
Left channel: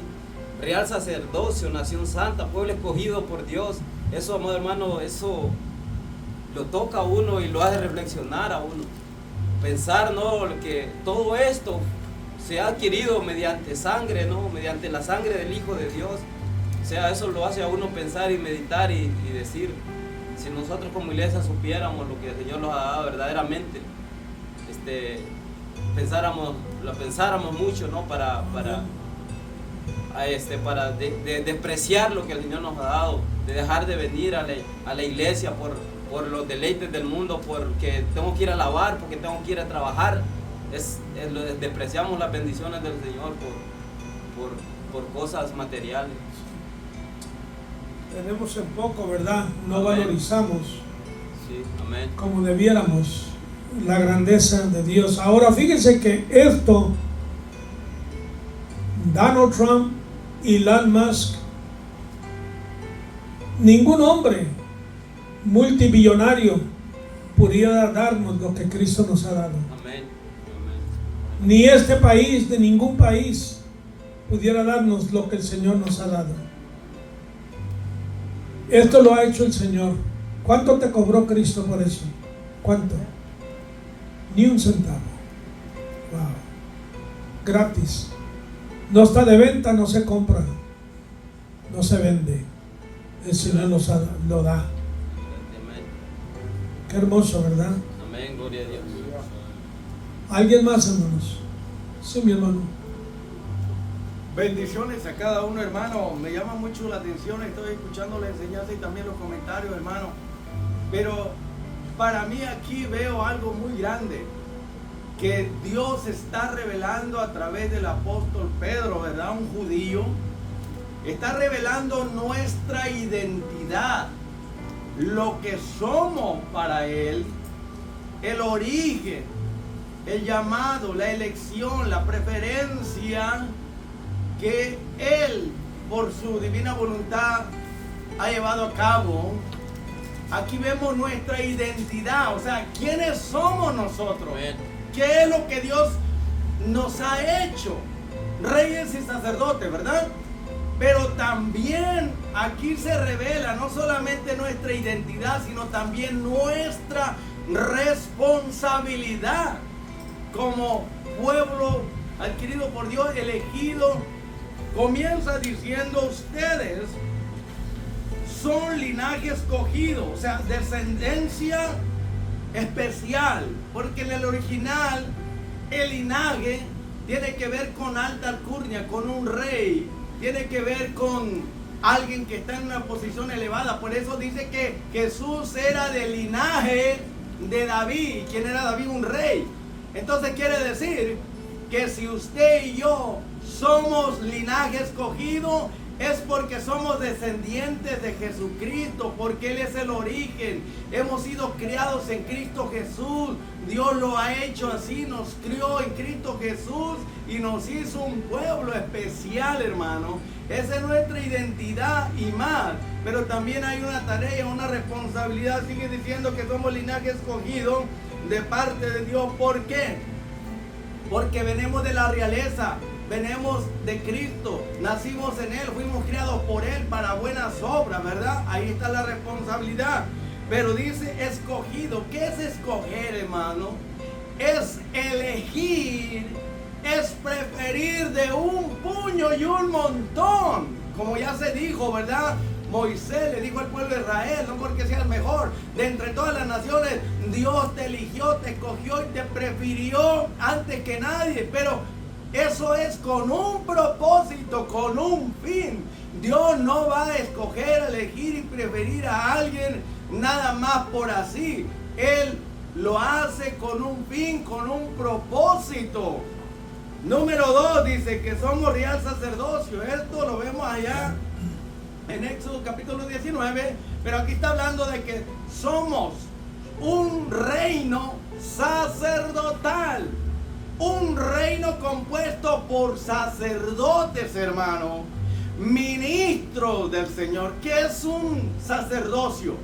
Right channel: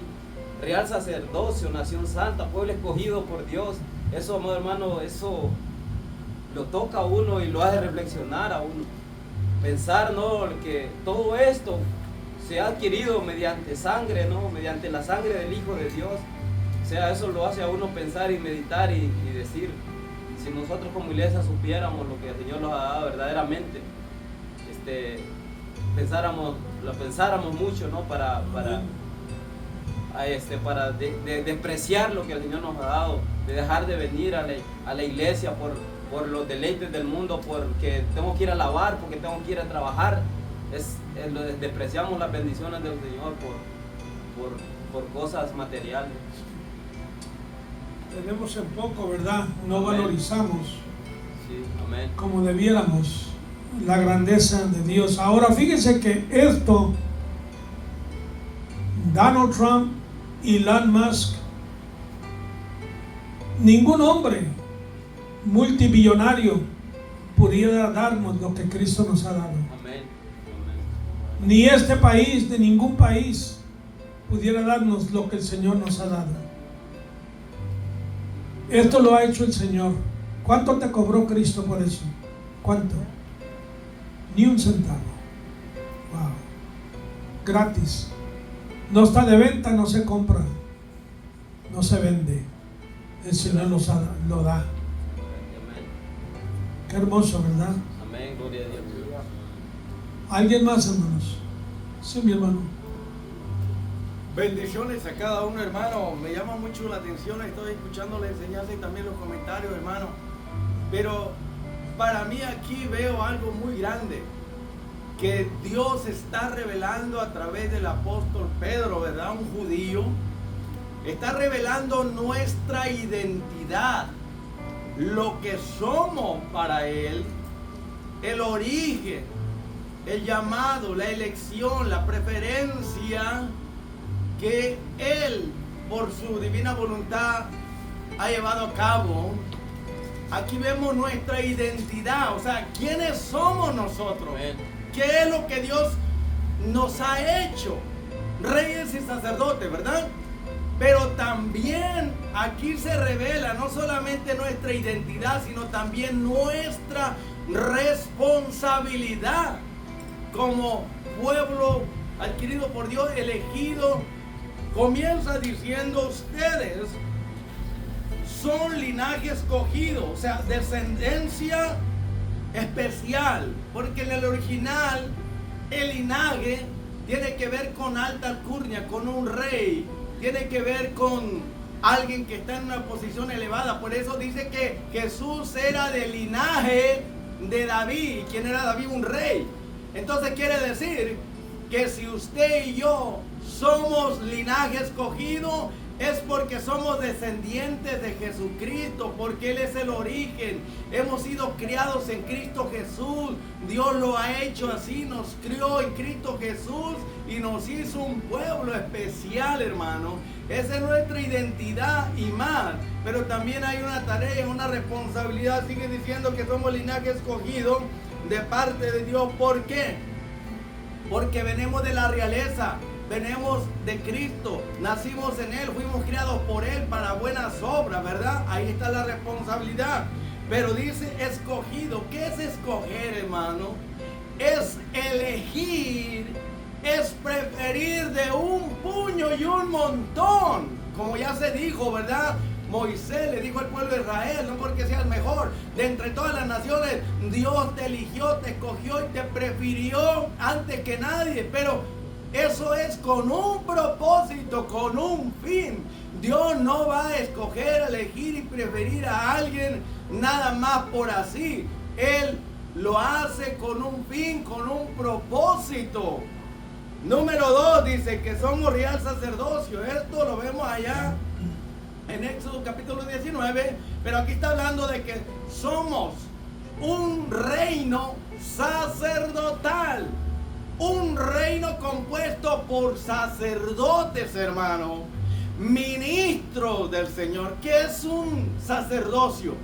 Real sacerdocio, nación santa, pueblo escogido por Dios. Eso, amado hermano, eso lo toca a uno y lo hace reflexionar a uno. Pensar, ¿no?, que todo esto se ha adquirido mediante sangre, ¿no?, mediante la sangre del Hijo de Dios. O sea, eso lo hace a uno pensar y meditar y decir, si nosotros como iglesia supiéramos lo que el Señor nos ha dado verdaderamente, lo pensáramos mucho, ¿no?, para despreciar lo que el Señor nos ha dado, de dejar de venir a la iglesia por los deleites del mundo, porque tengo que ir a lavar, porque tengo que ir a trabajar. Despreciamos las bendiciones del Señor por cosas materiales. Tenemos en poco, ¿verdad? No Amén. valorizamos Sí, amén. como debiéramos la grandeza de Dios. Ahora fíjense que esto, Donald Trump y Elon Musk, ningún hombre multimillonario pudiera darnos lo que Cristo nos ha dado. Amén. Ni este país, de ningún país, pudiera darnos lo que el Señor nos ha dado. Esto lo ha hecho el Señor. ¿Cuánto te cobró Cristo por eso? ¿Cuánto? Ni un centavo. Wow. Gratis. No está de venta, no se compra, no se vende. El Señor lo da. Amén. Qué hermoso, ¿verdad? Amén. Gloria a Dios. ¿Alguien más, hermanos? Sí, mi hermano. Bendiciones a cada uno, hermano. Me llama mucho la atención, estoy escuchando la enseñanza y también los comentarios, hermano. Pero para mí aquí veo algo muy grande, que Dios está revelando a través del apóstol Pedro, ¿verdad? Un judío. Está revelando nuestra identidad, lo que somos para Él, el origen, el llamado, la elección, la preferencia que Él, por su divina voluntad, ha llevado a cabo. Aquí vemos nuestra identidad, o sea, ¿quiénes somos nosotros? Amén. ¿Qué es lo que Dios nos ha hecho? Reyes y sacerdotes, ¿verdad? Pero también aquí se revela no solamente nuestra identidad, sino también nuestra responsabilidad como pueblo adquirido por Dios, elegido. Comienza diciendo: ustedes son linaje escogido, o sea, descendencia especial, porque en el original el linaje tiene que ver con alta alcurnia, con un rey, tiene que ver con alguien que está en una posición elevada. Por eso dice que Jesús era del linaje de David. ¿Quién era David? Un rey. Entonces quiere decir que si usted y yo somos linaje escogido, es porque somos descendientes de Jesucristo, porque Él es el origen. Hemos sido criados en Cristo Jesús. Dios lo ha hecho así, nos crió en Cristo Jesús y nos hizo un pueblo especial, hermano. Esa es nuestra identidad y más. Pero también hay una tarea, una responsabilidad. Sigue diciendo que somos linaje escogido de parte de Dios. ¿Por qué? porque venimos de la realeza, venimos de Cristo, nacimos en Él, fuimos criados por Él para buenas obras, ¿verdad? Ahí está la responsabilidad. Pero dice escogido. ¿Qué es escoger, hermano? Es elegir, es preferir de un puño y un montón. Como ya se dijo, ¿verdad? Moisés le dijo al pueblo de Israel, no porque sea el mejor de entre todas las naciones, Dios te eligió, te escogió y te prefirió antes que nadie. Pero eso es con un propósito, con un fin. Dios no va a escoger, elegir y preferir a alguien nada más por así. Él lo hace con un fin, con un propósito. Número 2 dice que somos real sacerdocio. Esto lo vemos allá en Éxodo capítulo 19, pero aquí está hablando de que somos un reino sacerdotal, un reino compuesto por sacerdotes, hermano, ministros del Señor. ¿Qué es un sacerdocio?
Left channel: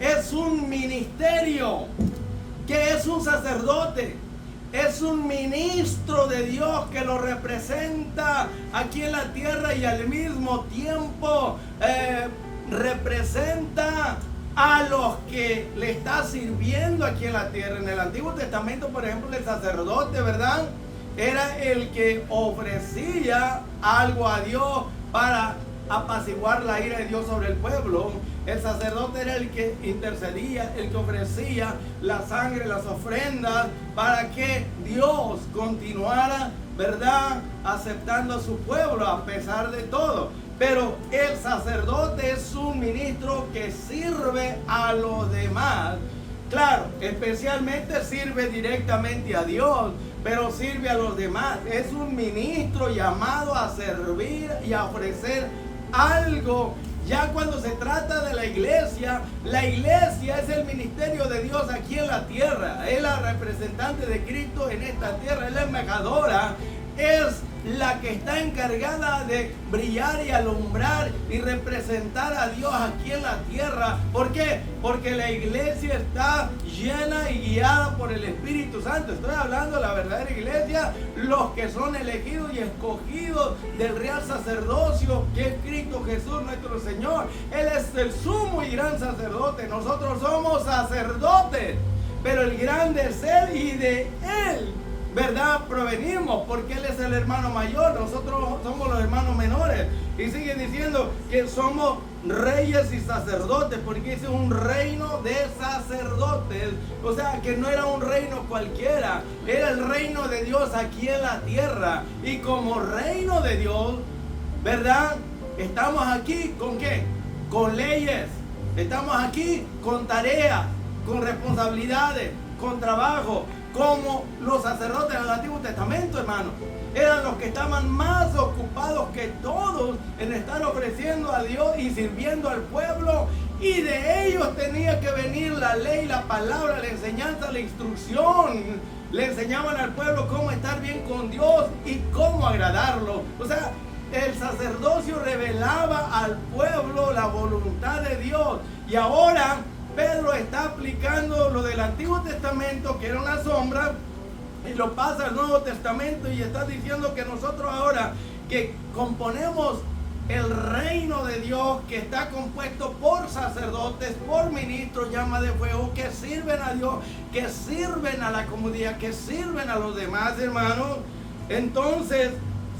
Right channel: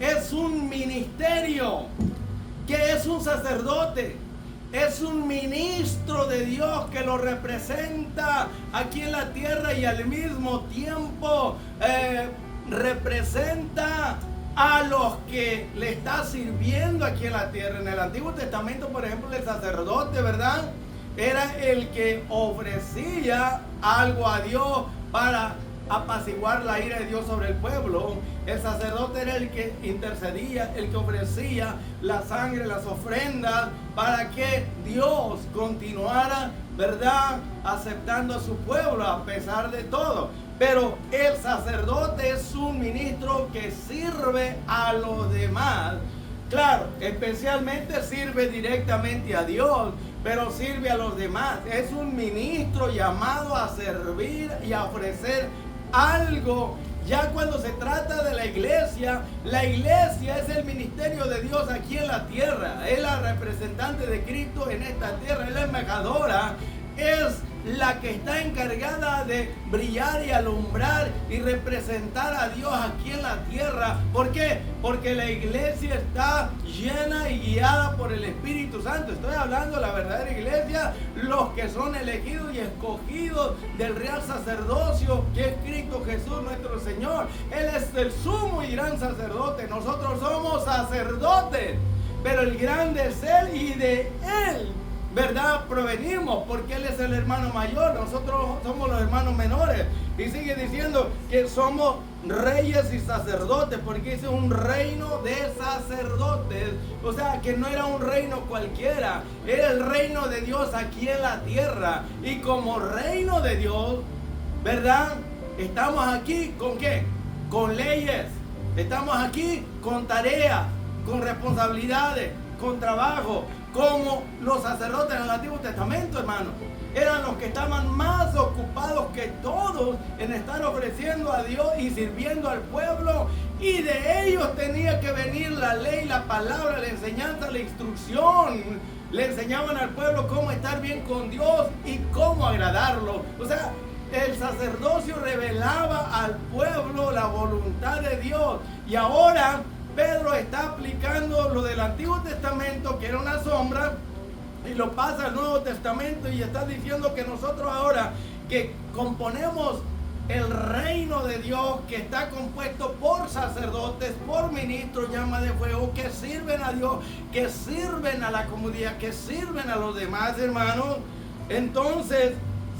Es un ministerio. ¿Qué es un sacerdote? Es un ministro de Dios que lo representa aquí en la tierra y al mismo tiempo representa a los que le está sirviendo aquí en la tierra. En el Antiguo Testamento, por ejemplo, el sacerdote, ¿verdad?, era el que ofrecía algo a Dios para apaciguar la ira de Dios sobre el pueblo. El sacerdote era el que intercedía, el que ofrecía la sangre, las ofrendas, para que Dios continuara, ¿verdad?, aceptando a su pueblo a pesar de todo. Pero el sacerdote es un ministro que sirve a los demás. Claro, especialmente sirve directamente a Dios, pero sirve a los demás. Es un ministro llamado a servir y a ofrecer algo. Ya cuando se trata de la iglesia es el ministerio de Dios aquí en la tierra. Es la representante de Cristo en esta tierra, es la embajadora, es la que está encargada de brillar y alumbrar y representar a Dios aquí en la tierra. ¿Por qué? Porque la iglesia está llena y guiada por el Espíritu Santo. Estoy hablando de la verdadera iglesia, los que son elegidos y escogidos del real sacerdocio, que es Cristo Jesús nuestro Señor. Él es el sumo y gran sacerdote. Nosotros somos sacerdotes, pero el grande es Él y de Él, ¿verdad?, provenimos, porque Él es el hermano mayor, nosotros somos los hermanos menores. Y sigue diciendo que somos reyes y sacerdotes, porque es un reino de sacerdotes. O sea, que no era un reino cualquiera, era el reino de Dios aquí en la tierra. Y como reino de Dios, ¿verdad?, estamos aquí ¿con qué? Con leyes. Estamos aquí con tareas, con responsabilidades, con trabajo. Como los sacerdotes del Antiguo Testamento, hermano, eran los que estaban más ocupados que todos en estar ofreciendo a Dios y sirviendo al pueblo, y de ellos tenía que venir la ley, la palabra, la enseñanza, la instrucción. Le enseñaban al pueblo cómo estar bien con Dios y cómo agradarlo. O sea, el sacerdocio revelaba al pueblo la voluntad de Dios. Y ahora Pedro está aplicando lo del Antiguo Testamento, que era una sombra, y lo pasa al Nuevo Testamento, y está diciendo que nosotros ahora que componemos el reino de Dios, que está compuesto por sacerdotes, por ministros, llama de fuego, que sirven a Dios, que sirven a la comunidad, que sirven a los demás, hermanos. Entonces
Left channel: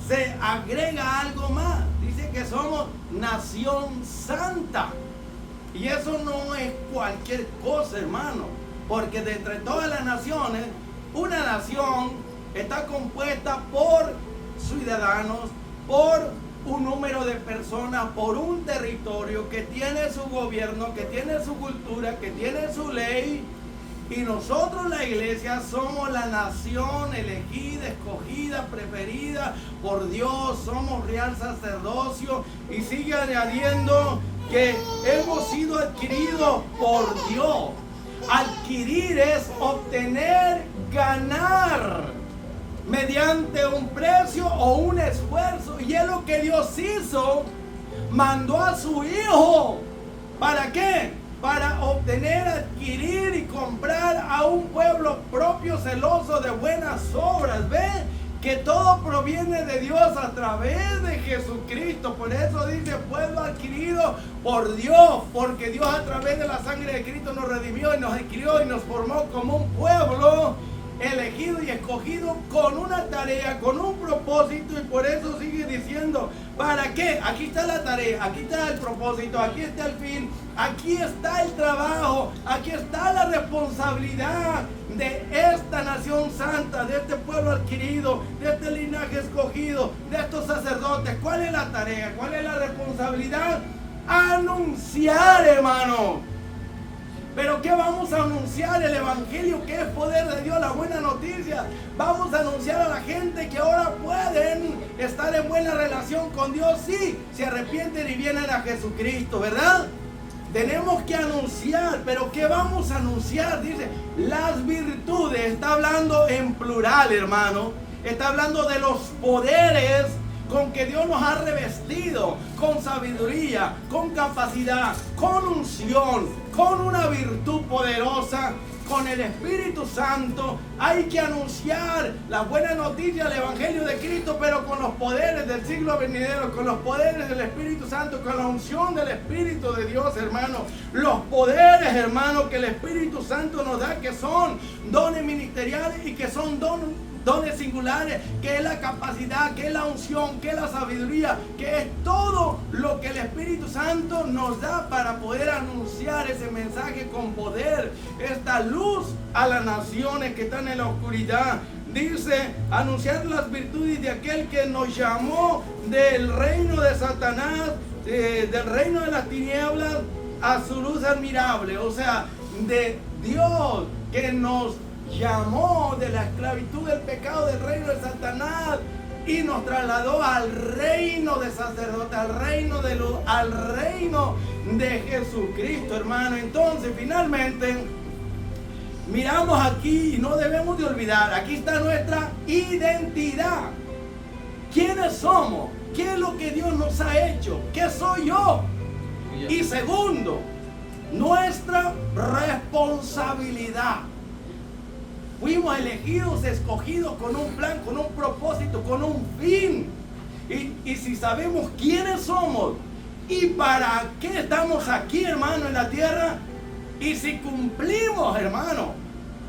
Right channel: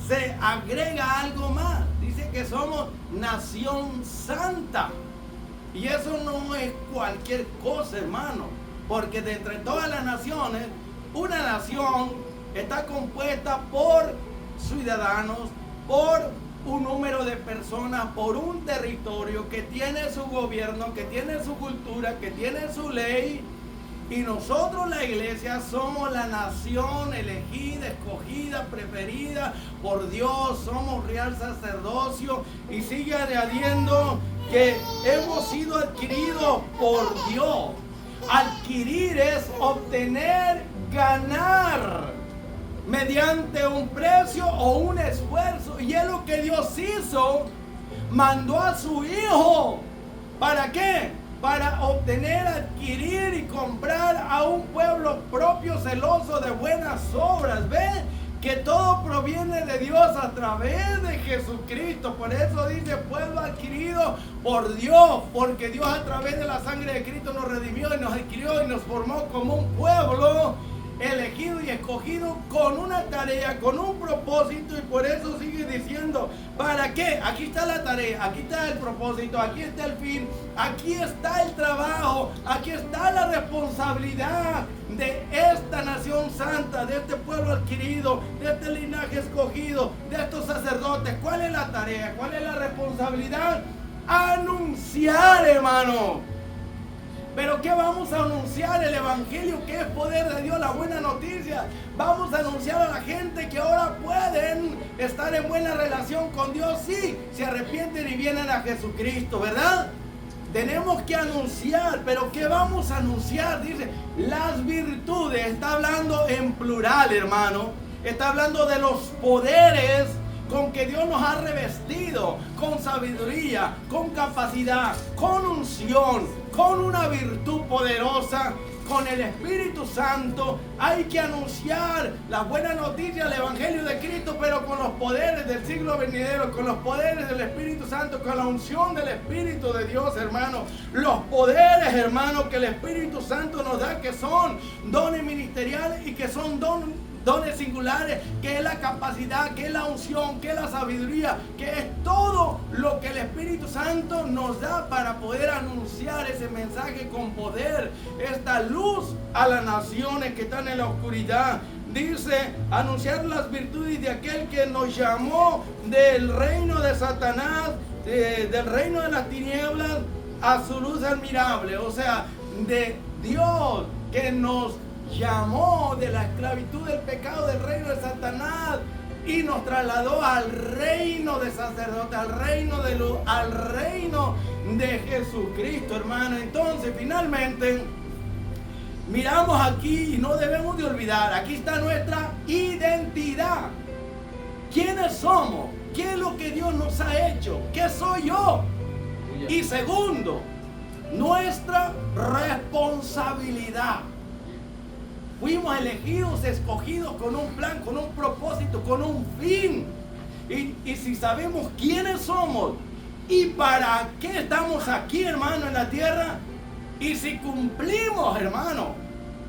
se agrega algo más. Dice que somos nación santa. Y eso no es cualquier cosa, hermano, porque de entre todas las naciones, una nación está compuesta por ciudadanos, por un número de personas, por un territorio que tiene su gobierno, que tiene su cultura, que tiene su ley. Y nosotros, la iglesia, somos la nación elegida, escogida, preferida por Dios. Somos real sacerdocio. Y sigue añadiendo que hemos sido adquiridos por Dios. Adquirir es obtener, ganar, mediante un precio o un esfuerzo. Y es lo que Dios hizo. Mandó a su Hijo. ¿Para qué? para obtener, adquirir y comprar a un pueblo propio celoso de buenas obras. ¿Ven? Que todo proviene de Dios a través de Jesucristo. Por eso dice pueblo adquirido por Dios, porque Dios a través de la sangre de Cristo nos redimió y nos adquirió y nos formó como un pueblo elegido y escogido con una tarea, con un propósito. Y por eso sigue diciendo, ¿para qué? Aquí está la tarea, aquí está el propósito, aquí está el fin, aquí está el trabajo, aquí está la responsabilidad de esta nación santa, de este pueblo adquirido, de este linaje escogido, de estos sacerdotes. ¿Cuál es la tarea? ¿Cuál es la responsabilidad? Anunciar, hermano. ¿Pero qué vamos a anunciar? El evangelio, que es poder de Dios, la buena noticia. Vamos a anunciar a la gente que ahora pueden estar en buena relación con Dios, sí, se arrepienten y vienen a Jesucristo, ¿verdad? Tenemos que anunciar, pero ¿qué vamos a anunciar? Dice, las virtudes, está hablando en plural, hermano. Está hablando de los poderes con que Dios nos ha revestido, con sabiduría, con capacidad, con unción, con una virtud poderosa, con el Espíritu Santo. Hay que anunciar la buena noticia del Evangelio de Cristo, pero con los poderes del siglo venidero, con los poderes del Espíritu Santo, con la unción del Espíritu de Dios, hermano. Los poderes, hermano, que el Espíritu Santo nos da, que son dones ministeriales y que son dones singulares, que es la capacidad, que es la unción, que es la sabiduría, que es todo lo que el Espíritu Santo nos da para poder anunciar ese mensaje con poder, esta luz a las naciones que están en la oscuridad. Dice, anunciar las virtudes de aquel que nos llamó del reino de Satanás, del reino de las tinieblas, a su luz admirable. O sea, de Dios que nos llamó de la esclavitud del pecado, del reino de Satanás, y nos trasladó al reino de sacerdote, al reino de luz, al reino de Jesucristo, hermano. Entonces, finalmente, miramos aquí y no debemos de olvidar, aquí está nuestra identidad. ¿Quiénes somos? ¿Qué es lo que Dios nos ha hecho? ¿Qué soy yo? Y segundo, nuestra responsabilidad. Fuimos elegidos, escogidos con un plan, con un propósito, con un fin. Y si sabemos quiénes somos y para qué estamos aquí, hermano, en la tierra, y si cumplimos, hermano,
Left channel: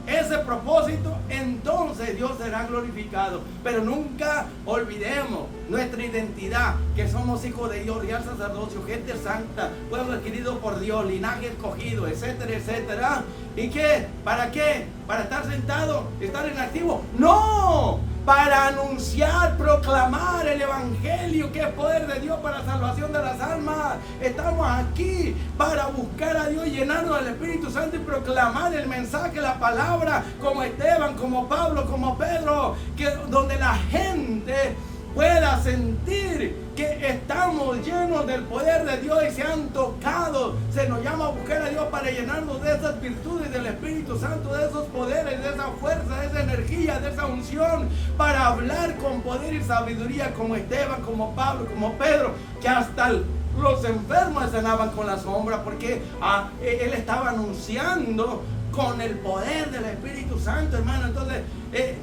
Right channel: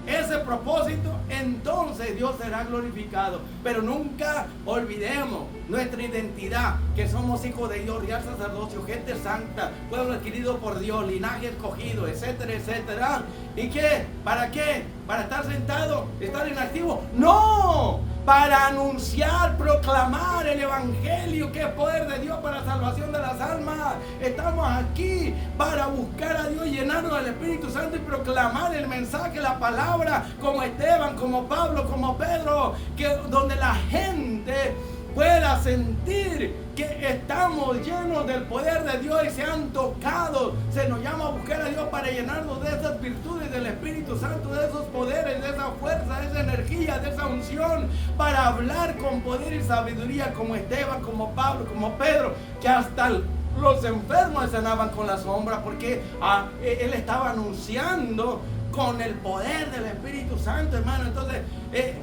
ese propósito, entonces Dios será glorificado. Pero nunca olvidemos nuestra identidad, que somos hijos de Dios, real sacerdocio, gente santa, pueblo adquirido por Dios, linaje escogido, etcétera, etcétera. ¿Y qué? ¿Para qué? ¿Para estar sentado? ¿Estar inactivo? ¡No! Para anunciar, proclamar el evangelio, que es poder de Dios para salvación de las almas. Estamos aquí para buscar a Dios, llenarnos del Espíritu Santo y proclamar el mensaje, la palabra, como Esteban, como Pablo, como Pedro, que donde la gente pueda sentir que estamos llenos del poder de Dios y se han tocado. Se nos llama a buscar a Dios para llenarnos de esas virtudes del Espíritu Santo, de esos poderes, de esa fuerza, de esa energía, de esa unción, para hablar con poder y sabiduría, como Esteban, como Pablo, como Pedro, que hasta los enfermos sanaban con la sombra, porque él estaba anunciando con el poder del Espíritu Santo, hermano. Entonces,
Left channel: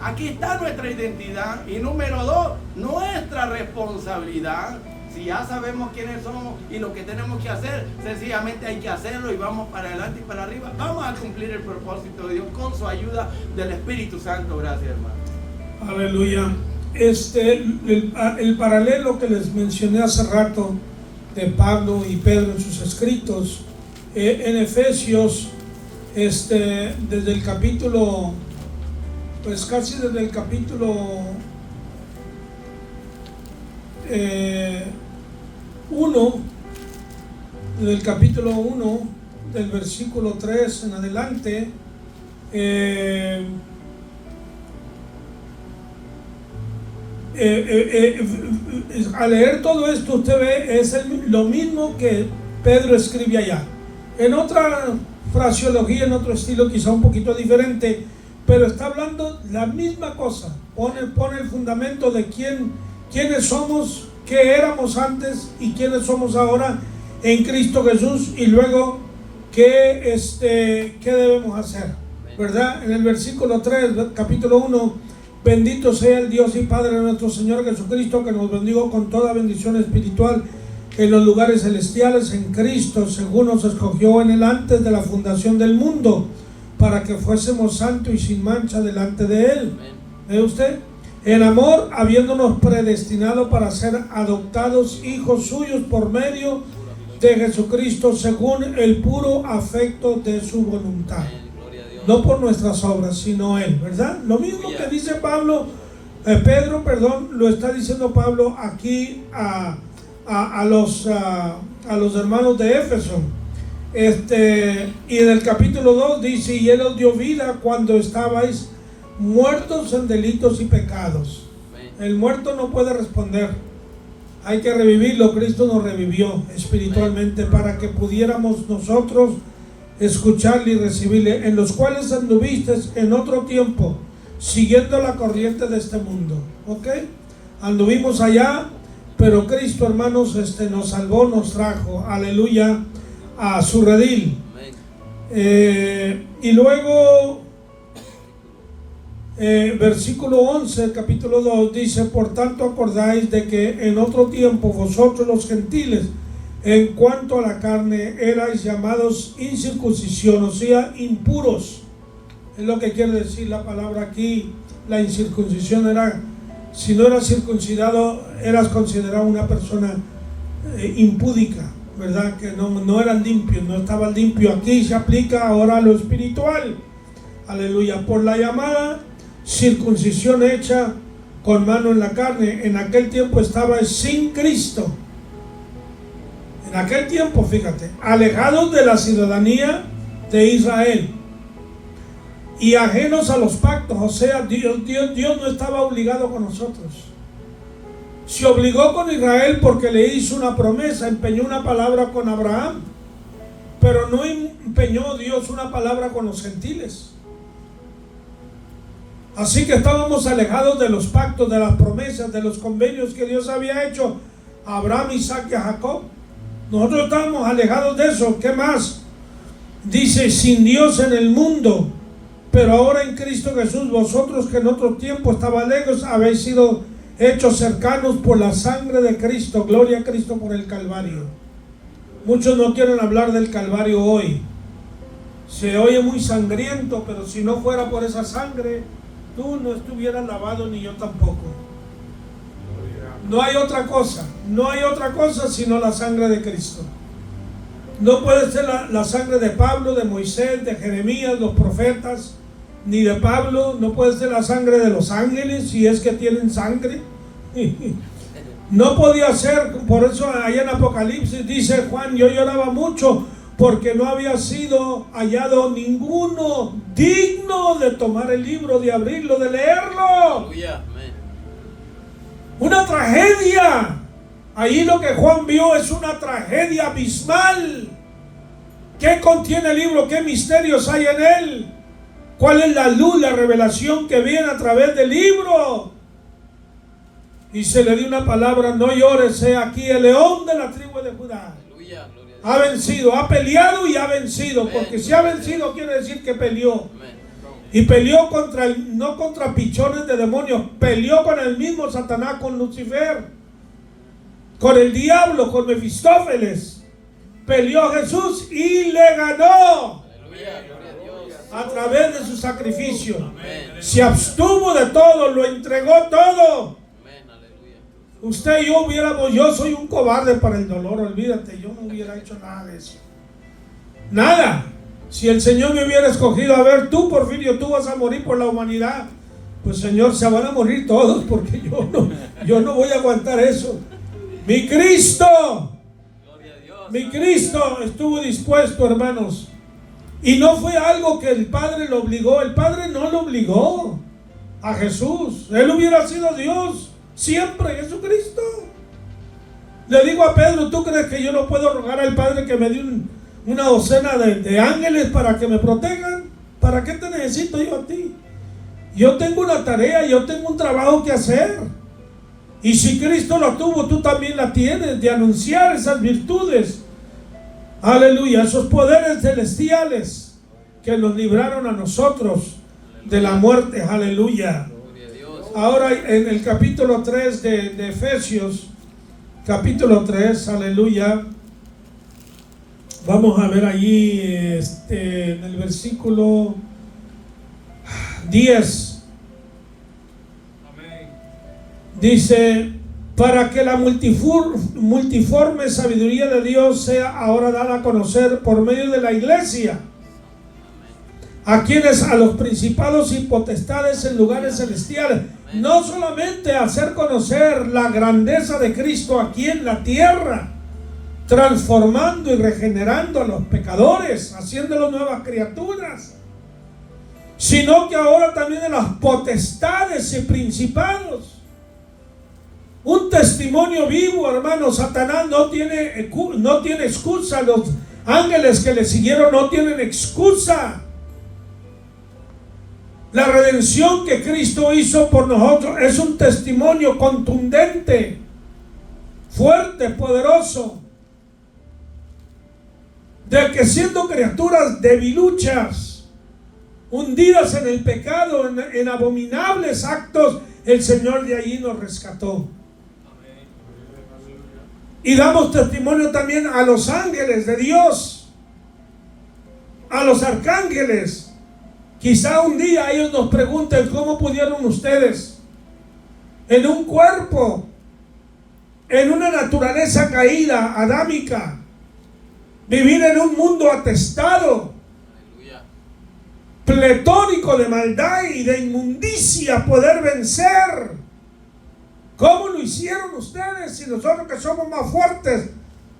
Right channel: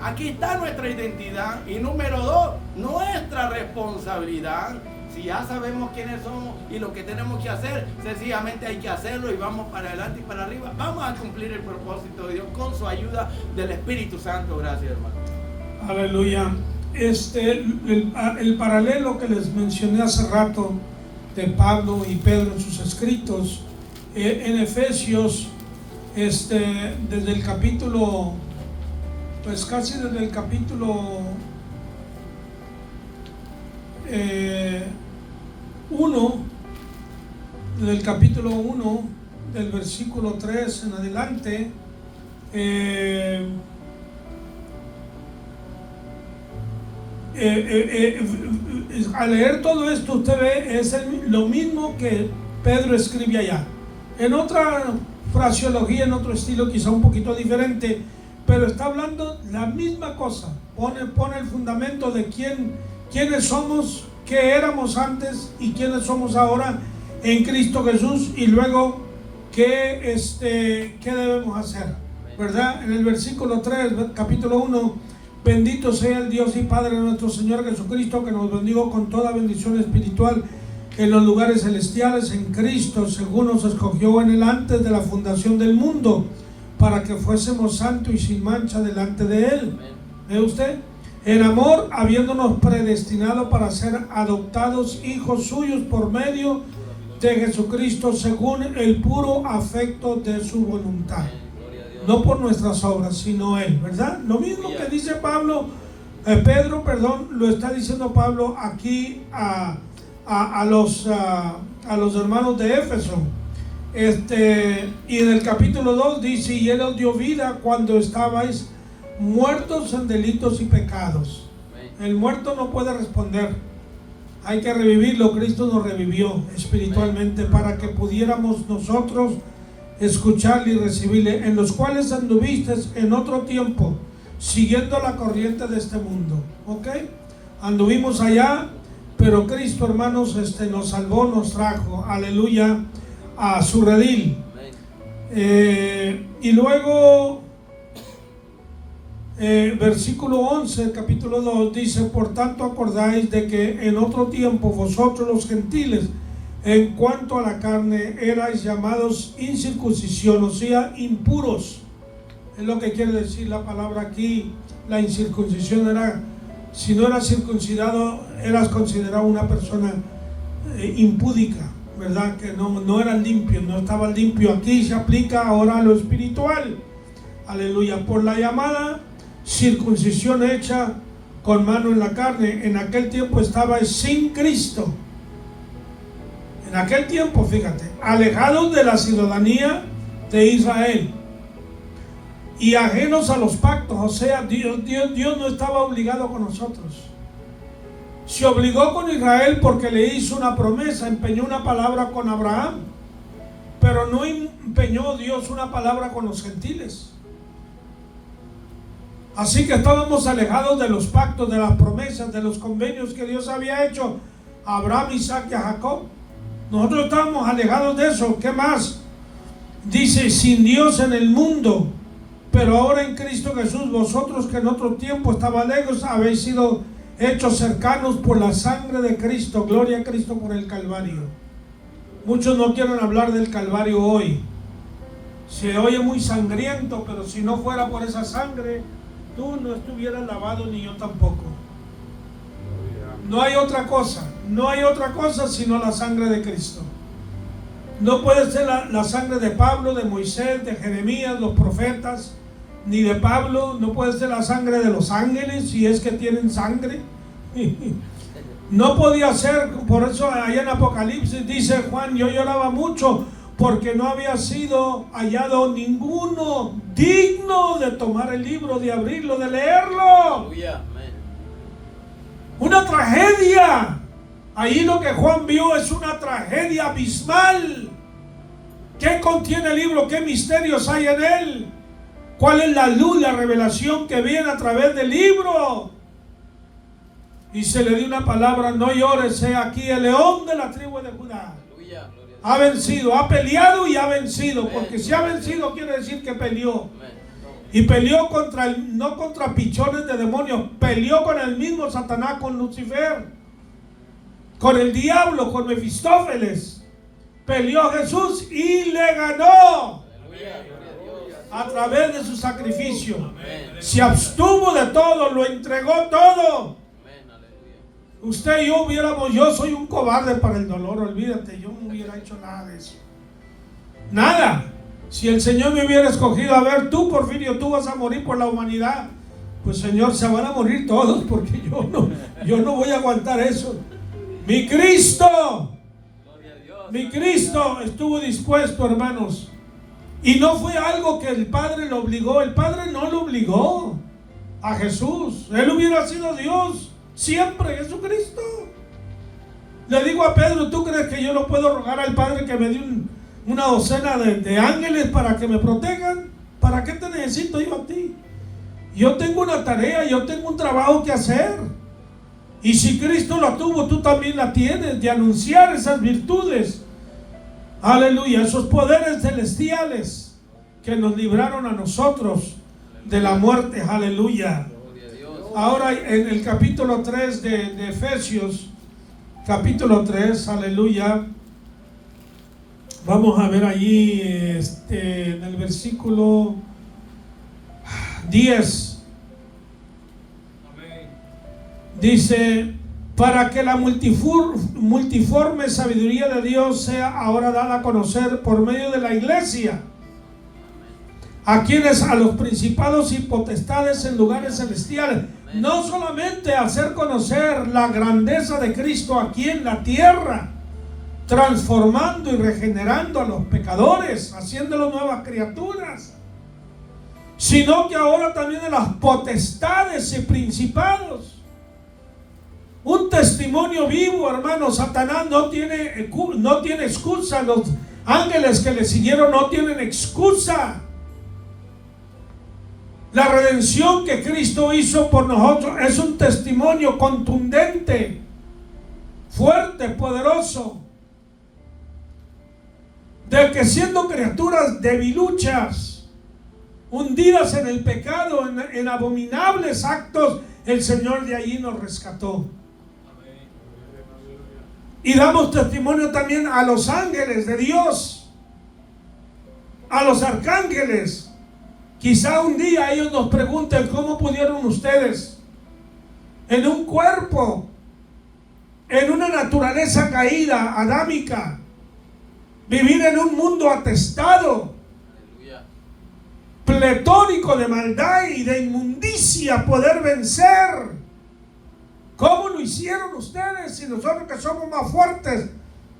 aquí está nuestra identidad. Y número 2, nuestra responsabilidad. Si ya sabemos quiénes somos y lo que tenemos que hacer, sencillamente hay que hacerlo y vamos para adelante y para arriba. Vamos a cumplir el propósito de Dios con su ayuda del Espíritu Santo. Gracias, hermano. Aleluya. El paralelo que les mencioné hace rato de Pablo y Pedro en sus escritos, en Efesios, desde el capítulo, pues casi desde el capítulo 1, del capítulo 1, del versículo 3 en adelante, al leer todo esto, usted ve, es lo mismo que Pedro escribe allá, en otra fraseología, en otro estilo quizá un poquito diferente, pero está hablando la misma cosa. Pone el fundamento de quiénes somos, qué éramos antes y quiénes somos ahora en Cristo Jesús, y luego ¿qué debemos hacer? ¿Verdad? En el versículo 3, capítulo 1, bendito sea el Dios y Padre de nuestro Señor Jesucristo, que nos bendijo con toda bendición espiritual en los lugares celestiales en Cristo, según nos escogió en Él antes de la fundación del mundo, para que fuésemos santos y sin mancha delante de Él. ¿Ve usted? En amor, habiéndonos predestinado para ser adoptados hijos suyos por medio de Jesucristo, según el puro afecto de su voluntad. No por nuestras obras, sino Él, ¿verdad? Lo mismo que dice Pedro, lo está diciendo Pablo aquí a los hermanos de Éfeso. Y en el capítulo 2 dice: y Él os dio vida cuando estabais muertos en delitos y pecados. El muerto no puede responder, hay que revivirlo. Cristo nos revivió espiritualmente para que pudiéramos nosotros escucharle y recibirle, en los cuales anduviste en otro tiempo, siguiendo la corriente de este mundo. ¿Ok? Anduvimos allá, pero Cristo, hermanos, nos salvó, nos trajo, aleluya, a su redil. Y luego, versículo 11, capítulo 2, dice: por tanto acordáis de que en otro tiempo vosotros los gentiles, en cuanto a la carne, erais llamados incircuncisión, o sea, impuros. Es lo que quiere decir la palabra aquí. La incircuncisión era, si no eras circuncidado, eras considerado una persona impúdica, ¿verdad? Que no eras limpio, no estabas limpio. Aquí se aplica ahora a lo espiritual. Aleluya. Por la llamada circuncisión hecha con mano en la carne, en aquel tiempo estaba sin Cristo. En aquel tiempo, fíjate, alejados de la ciudadanía de Israel y ajenos a los pactos. O sea, Dios no estaba obligado con nosotros. Se obligó con Israel porque le hizo una promesa, empeñó una palabra con Abraham, pero no empeñó Dios una palabra con los gentiles. Así que estábamos alejados de los pactos, de las promesas, de los convenios que Dios había hecho a Abraham, Isaac y a Jacob. Nosotros estábamos alejados de eso. ¿Qué más? Dice: sin Dios en el mundo, pero ahora en Cristo Jesús, vosotros que en otro tiempo estaban lejos, habéis sido hechos cercanos por la sangre de Cristo. Gloria a Cristo por el Calvario. Muchos no quieren hablar del Calvario hoy. Se oye muy sangriento, pero si no fuera por esa sangre, tú no estuvieras lavado, ni yo tampoco. No hay otra cosa sino la sangre de Cristo. No puede ser la sangre de Pablo, de Moisés, de Jeremías, los profetas, ni de Pablo. No puede ser la sangre de los ángeles, si es que tienen sangre. No podía ser. Por eso allá en Apocalipsis dice Juan: yo lloraba mucho porque no había sido hallado ninguno digno de tomar el libro, de abrirlo, de leerlo. Una tragedia. Ahí lo que Juan vio es una tragedia abismal. ¿Qué contiene el libro? ¿Qué misterios hay en él? ¿Cuál es la luz, la revelación que viene a través del libro? Y se le dio una palabra: no llores, he aquí el león de la tribu de Judá. Ha vencido, ha peleado y ha vencido. Porque si ha vencido quiere decir que peleó. Y peleó no contra pichones de demonios, peleó con el mismo Satanás, con Lucifer, con el diablo, con Mefistófeles. Peleó a Jesús y le ganó a través de su sacrificio. Se abstuvo de todo, lo entregó todo. Usted y yo soy un cobarde para el dolor, olvídate, yo no hubiera hecho nada de eso. Nada. Si el Señor me hubiera escogido: a ver, tú, Porfirio, tú vas a morir por la humanidad, pues Señor, se van a morir todos, porque yo no voy a aguantar eso. Mi Cristo estuvo dispuesto, hermanos. Y no fue algo que el Padre lo obligó. El Padre no lo obligó a Jesús. Él hubiera sido Dios siempre, Jesucristo. Le digo a Pedro: ¿tú crees que yo no puedo rogar al Padre que me dé una docena de ángeles para que me protejan? ¿Para qué te necesito yo a ti? Yo tengo una tarea, yo tengo un trabajo que hacer. Y si Cristo la tuvo, tú también la tienes, de anunciar esas virtudes Aleluya, esos poderes celestiales que nos libraron a nosotros de la muerte. Aleluya. Gloria a Dios. Ahora en el capítulo 3 de Efesios, capítulo 3, aleluya. Vamos a ver allí en el versículo 10. Amén. Dice, para que la multiforme sabiduría de Dios sea ahora dada a conocer por medio de la iglesia, a quienes, a los principados y potestades en lugares celestiales, no solamente hacer conocer la grandeza de Cristo aquí en la tierra, transformando y regenerando a los pecadores, haciéndolos nuevas criaturas, sino que ahora también de las potestades y principados. Un testimonio vivo, hermano. Satanás no tiene excusa. Los ángeles que le siguieron no tienen excusa. La redención que Cristo hizo por nosotros es un testimonio contundente, fuerte, poderoso, de que siendo criaturas debiluchas, hundidas en el pecado, en abominables actos, el Señor de allí nos rescató. Y damos testimonio también a los ángeles de Dios, a los arcángeles. Quizá un día ellos nos pregunten cómo pudieron ustedes, en un cuerpo, en una naturaleza caída, adámica, vivir en un mundo atestado, Aleluya. pletórico de maldad y de inmundicia, poder vencer. ¿Cómo lo hicieron ustedes? Si nosotros, que somos más fuertes,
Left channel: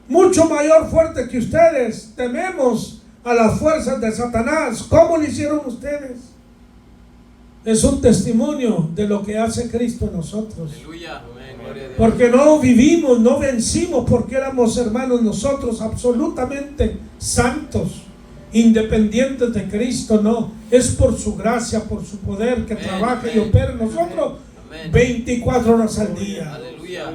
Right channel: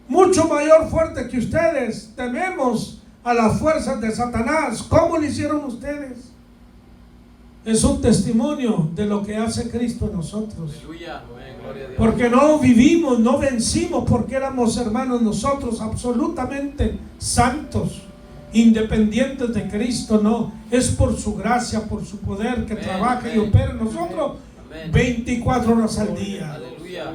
mucho mayor fuertes que ustedes, tememos a las fuerzas de Satanás. ¿Cómo lo hicieron ustedes? Es un testimonio de lo que hace Cristo en nosotros. Aleluya. Amén. Gloria a Dios. Porque no vivimos, no vencimos, porque éramos, hermanos, nosotros absolutamente santos, independientes de Cristo. No, es por su gracia, por su poder que Amén, trabaja y amén, opera en amén, nosotros amén. 24 horas al día. Aleluya.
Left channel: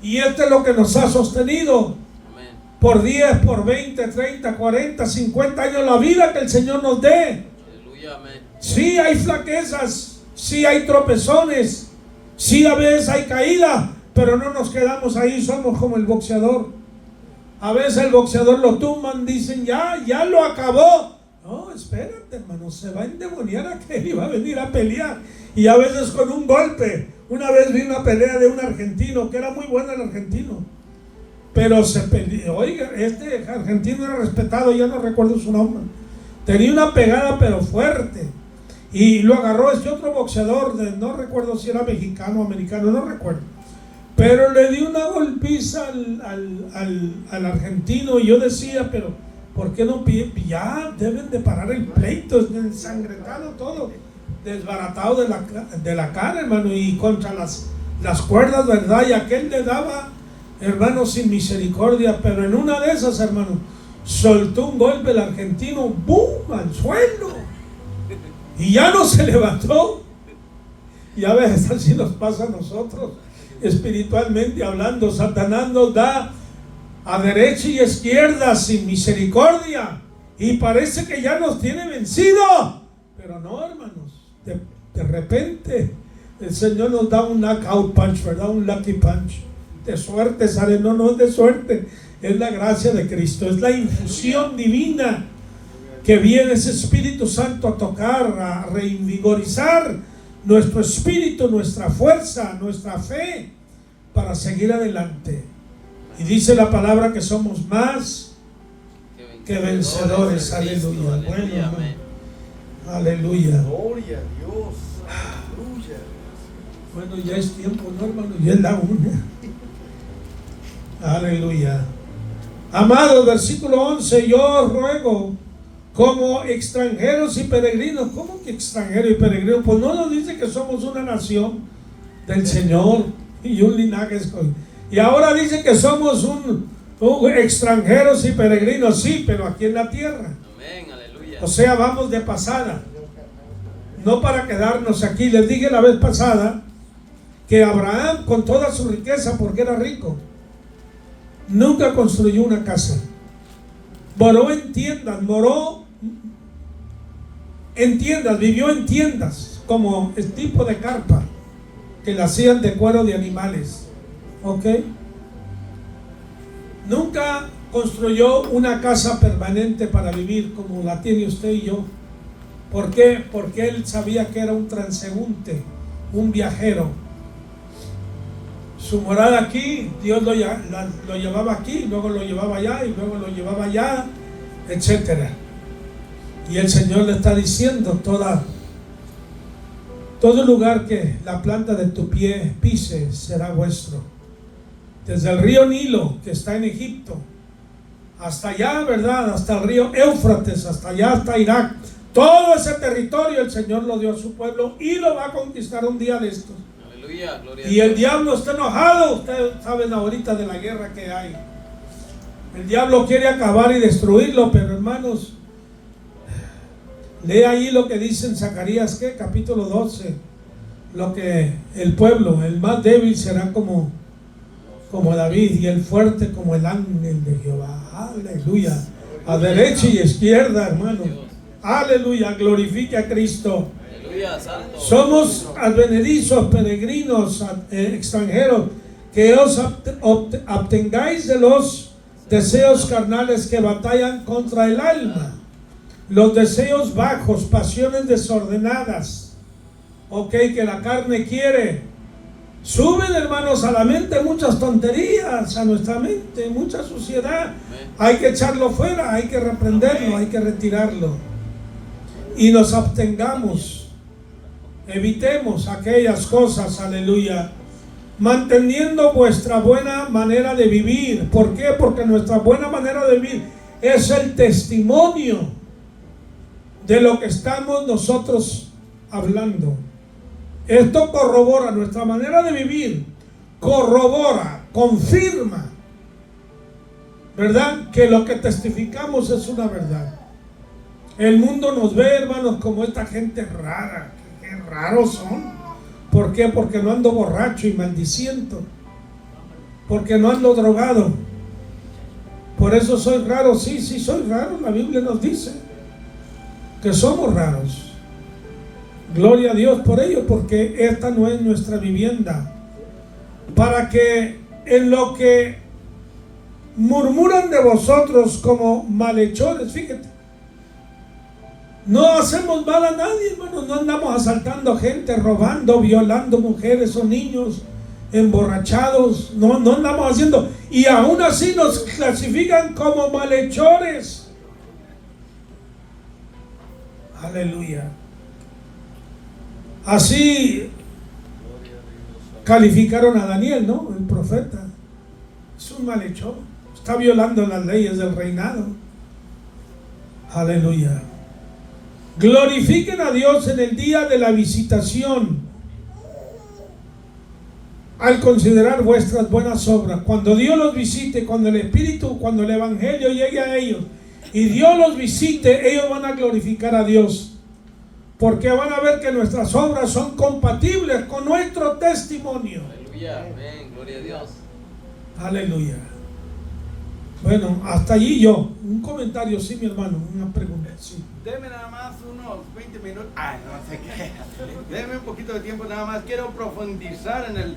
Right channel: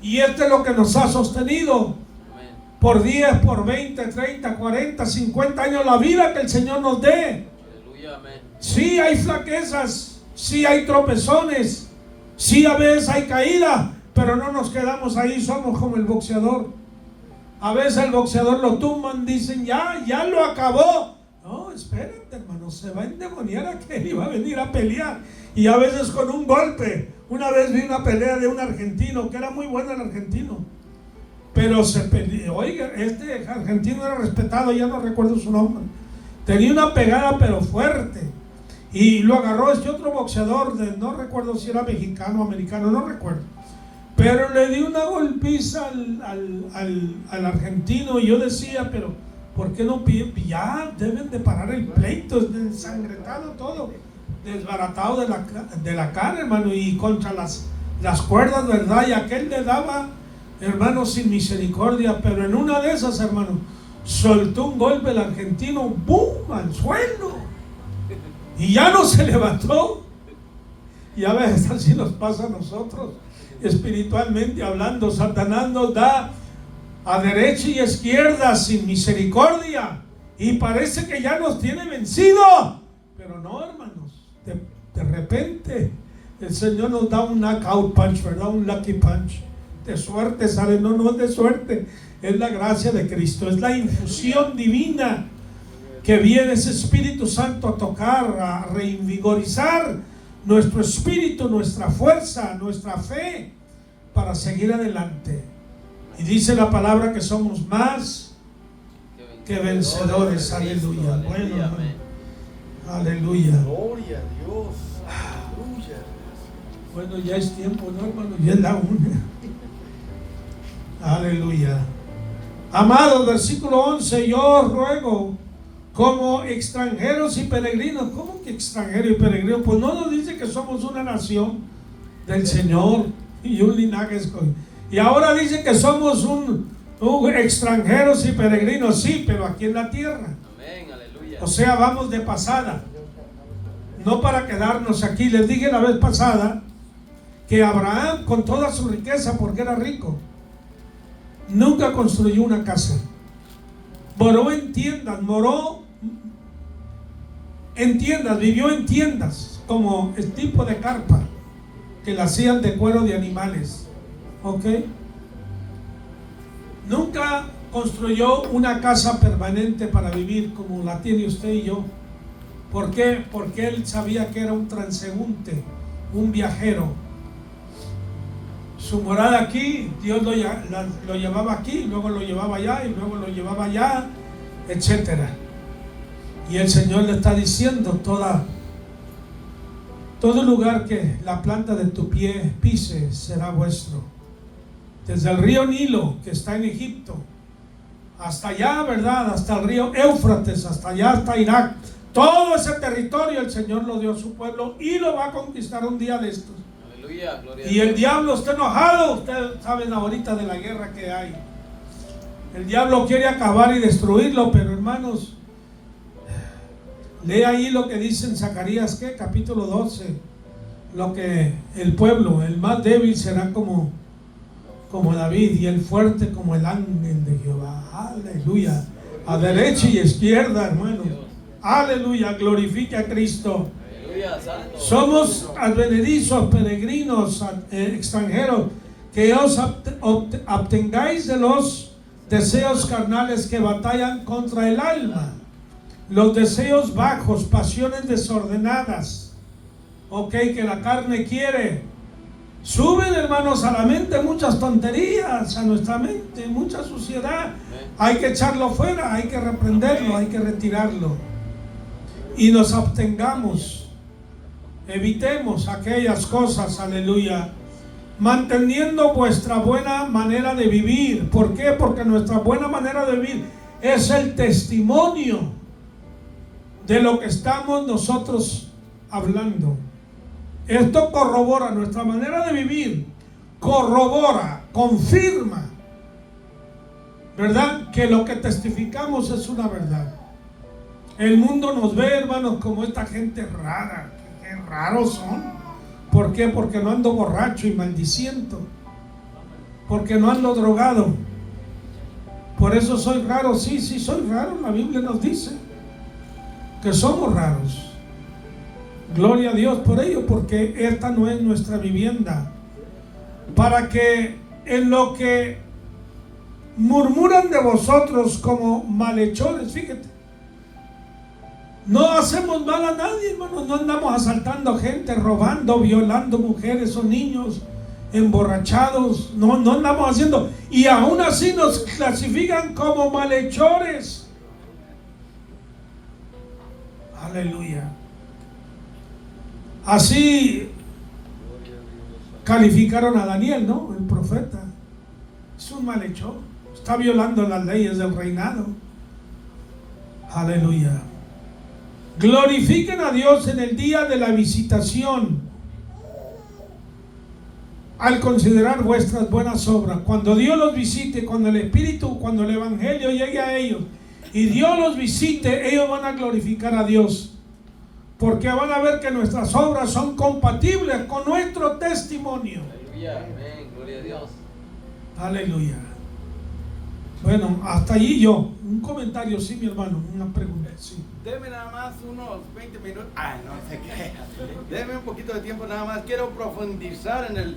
Y esto es lo que nos ha sostenido Amén. por 10, por 20, 30, 40, 50 años, la vida que el Señor nos dé. Aleluya. Amén. Sí hay flaquezas, sí hay tropezones, sí a veces hay caída, pero no nos quedamos ahí. Somos como el boxeador. A veces el boxeador lo tumban, dicen ya lo acabó. No, espérate, hermano, se va a endemoniar a que iba a venir a pelear. Y a veces con un golpe. Una vez vi una pelea de un argentino, que era muy bueno el argentino, pero se peleó. Oiga, este argentino era respetado, ya no recuerdo su nombre. Tenía una pegada pero fuerte. Y lo agarró este otro boxeador, no recuerdo si era mexicano o americano, no recuerdo. Pero le dio una golpiza al argentino. Y yo decía, pero ¿por qué no piden? Ya deben de parar el pleito, es ensangretado todo, desbaratado de la cara, hermano, y contra las cuerdas, ¿verdad? Y aquel le daba, hermano, sin misericordia. Pero en una de esas, hermano, soltó un golpe el argentino, ¡bum!, al suelo. Y ya no se levantó. Y a veces así nos pasa a nosotros, espiritualmente hablando. Satanás nos da a derecha y izquierda sin misericordia, y parece que ya nos tiene vencido. Pero no, hermanos, de repente el Señor nos da un knockout punch, ¿verdad? Un lucky punch. De suerte sale. No es de suerte, es la gracia de Cristo, es la infusión divina que viene ese Espíritu Santo a tocar, a reinvigorizar nuestro espíritu, nuestra fuerza, nuestra fe, para seguir adelante. Y dice la palabra que somos más que vencedores. Aleluya. Bueno, Amén. aleluya. Gloria a Dios. Aleluya. Bueno, ya es tiempo, ¿no, hermano? Ya es la 1. Aleluya. Amados, versículo 11, yo os ruego como extranjeros y peregrinos. ¿Cómo que extranjeros y peregrinos? Pues no nos dice que somos una nación del Señor y un linaje escogido. Y ahora dice que somos un extranjeros y peregrinos, sí, pero aquí en la tierra. Amén. Aleluya. O sea, vamos de pasada, no para quedarnos aquí. Les dije la vez pasada que Abraham, con toda su riqueza, porque era rico, nunca construyó una casa. moró en tiendas, vivió en tiendas, como el tipo de carpa que la hacían de cuero de animales. ¿Ok? Nunca construyó una casa permanente para vivir como la tiene usted y yo. ¿Por qué? Porque él sabía que era un transeúnte, un viajero. Su morada aquí, Dios lo llevaba aquí, luego lo llevaba allá y luego lo llevaba allá, etcétera. Y el Señor le está diciendo: todo lugar que la planta de tu pie pise será vuestro. Desde el río Nilo, que está en Egipto, hasta allá, ¿verdad? Hasta el río Éufrates, hasta allá, hasta Irak. Todo ese territorio el Señor lo dio a su pueblo y lo va a conquistar un día de estos. Aleluya, gloria Y a el Dios. diablo está enojado. Ustedes saben ahorita de la guerra que hay. El diablo quiere acabar y destruirlo, pero hermanos, lee ahí lo que dice en Zacarías, ¿qué? Capítulo 12. Lo que el pueblo, el más débil será como David, y el fuerte como el ángel de Jehová. Aleluya. A derecha y izquierda, hermano. Aleluya. Glorifique a Cristo. Aleluya, santo. Somos advenedizos, peregrinos, extranjeros, que os abstengáis de los deseos carnales que batallan contra el alma, los deseos bajos, pasiones desordenadas, que la carne quiere. Suben, hermanos, a la mente muchas tonterías, a nuestra mente, mucha suciedad. Hay que echarlo fuera, hay que reprenderlo, hay que retirarlo. Y nos abstengamos, evitemos aquellas cosas, aleluya, manteniendo vuestra buena manera de vivir. ¿Por qué? Porque nuestra buena manera de vivir es el testimonio de lo que estamos nosotros hablando. Esto corrobora nuestra manera de vivir, corrobora, confirma, ¿verdad?, que lo que testificamos es una verdad. El mundo nos ve, hermanos, como esta gente rara. Qué raros son. ¿Por qué? Porque no ando borracho y maldiciento, porque no ando drogado. Por eso soy raro. Sí, soy raro. La Biblia nos dice que somos raros. Gloria a Dios por ello, porque esta no es nuestra vivienda. Para que en lo que murmuran de vosotros como malhechores, fíjate, no hacemos mal a nadie, hermanos. No andamos asaltando gente, robando, violando mujeres o niños, emborrachados. No andamos haciendo. Y aún así nos clasifican como malhechores. Aleluya. Así calificaron a Daniel, ¿no? El profeta. Es un malhechor. Está violando las leyes del reinado. Aleluya. Glorifiquen a Dios en el día de la visitación, al considerar vuestras buenas obras. Cuando Dios los visite, cuando el Espíritu, cuando el Evangelio llegue a ellos y Dios los visite, ellos van a glorificar a Dios, porque van a ver que nuestras obras son compatibles con nuestro testimonio. Aleluya, amén, gloria a Dios. Aleluya. Bueno, hasta allí yo. Un comentario, sí, mi hermano, una pregunta, sí. Deme nada más unos 20 minutos. Ay, no sé qué. Deme un poquito de tiempo nada más. Quiero profundizar en el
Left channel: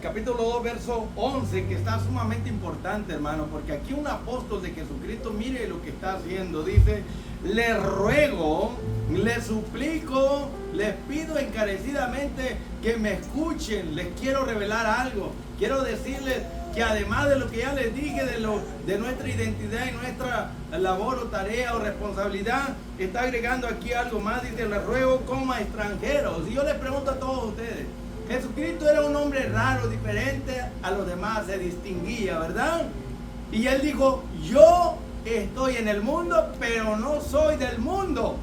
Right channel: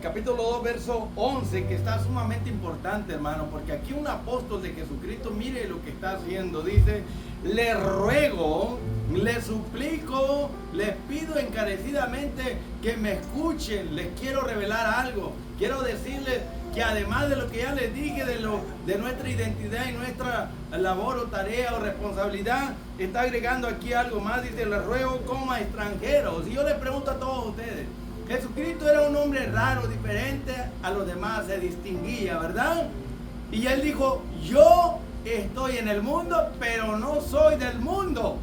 capítulo 2, verso 11, que está sumamente importante, hermano, porque aquí un apóstol de Jesucristo, mire lo que está haciendo. Dice: les ruego, les suplico, les pido encarecidamente que me escuchen. Les quiero revelar algo. Quiero decirles que además de lo que ya les dije de nuestra identidad y nuestra labor o tarea o responsabilidad, está agregando aquí algo más. Dice: les ruego como a extranjeros. Y yo les pregunto a todos ustedes, Jesucristo era un hombre raro, diferente a los demás, se distinguía, ¿verdad? Y él dijo: yo estoy en el mundo, pero no soy del mundo.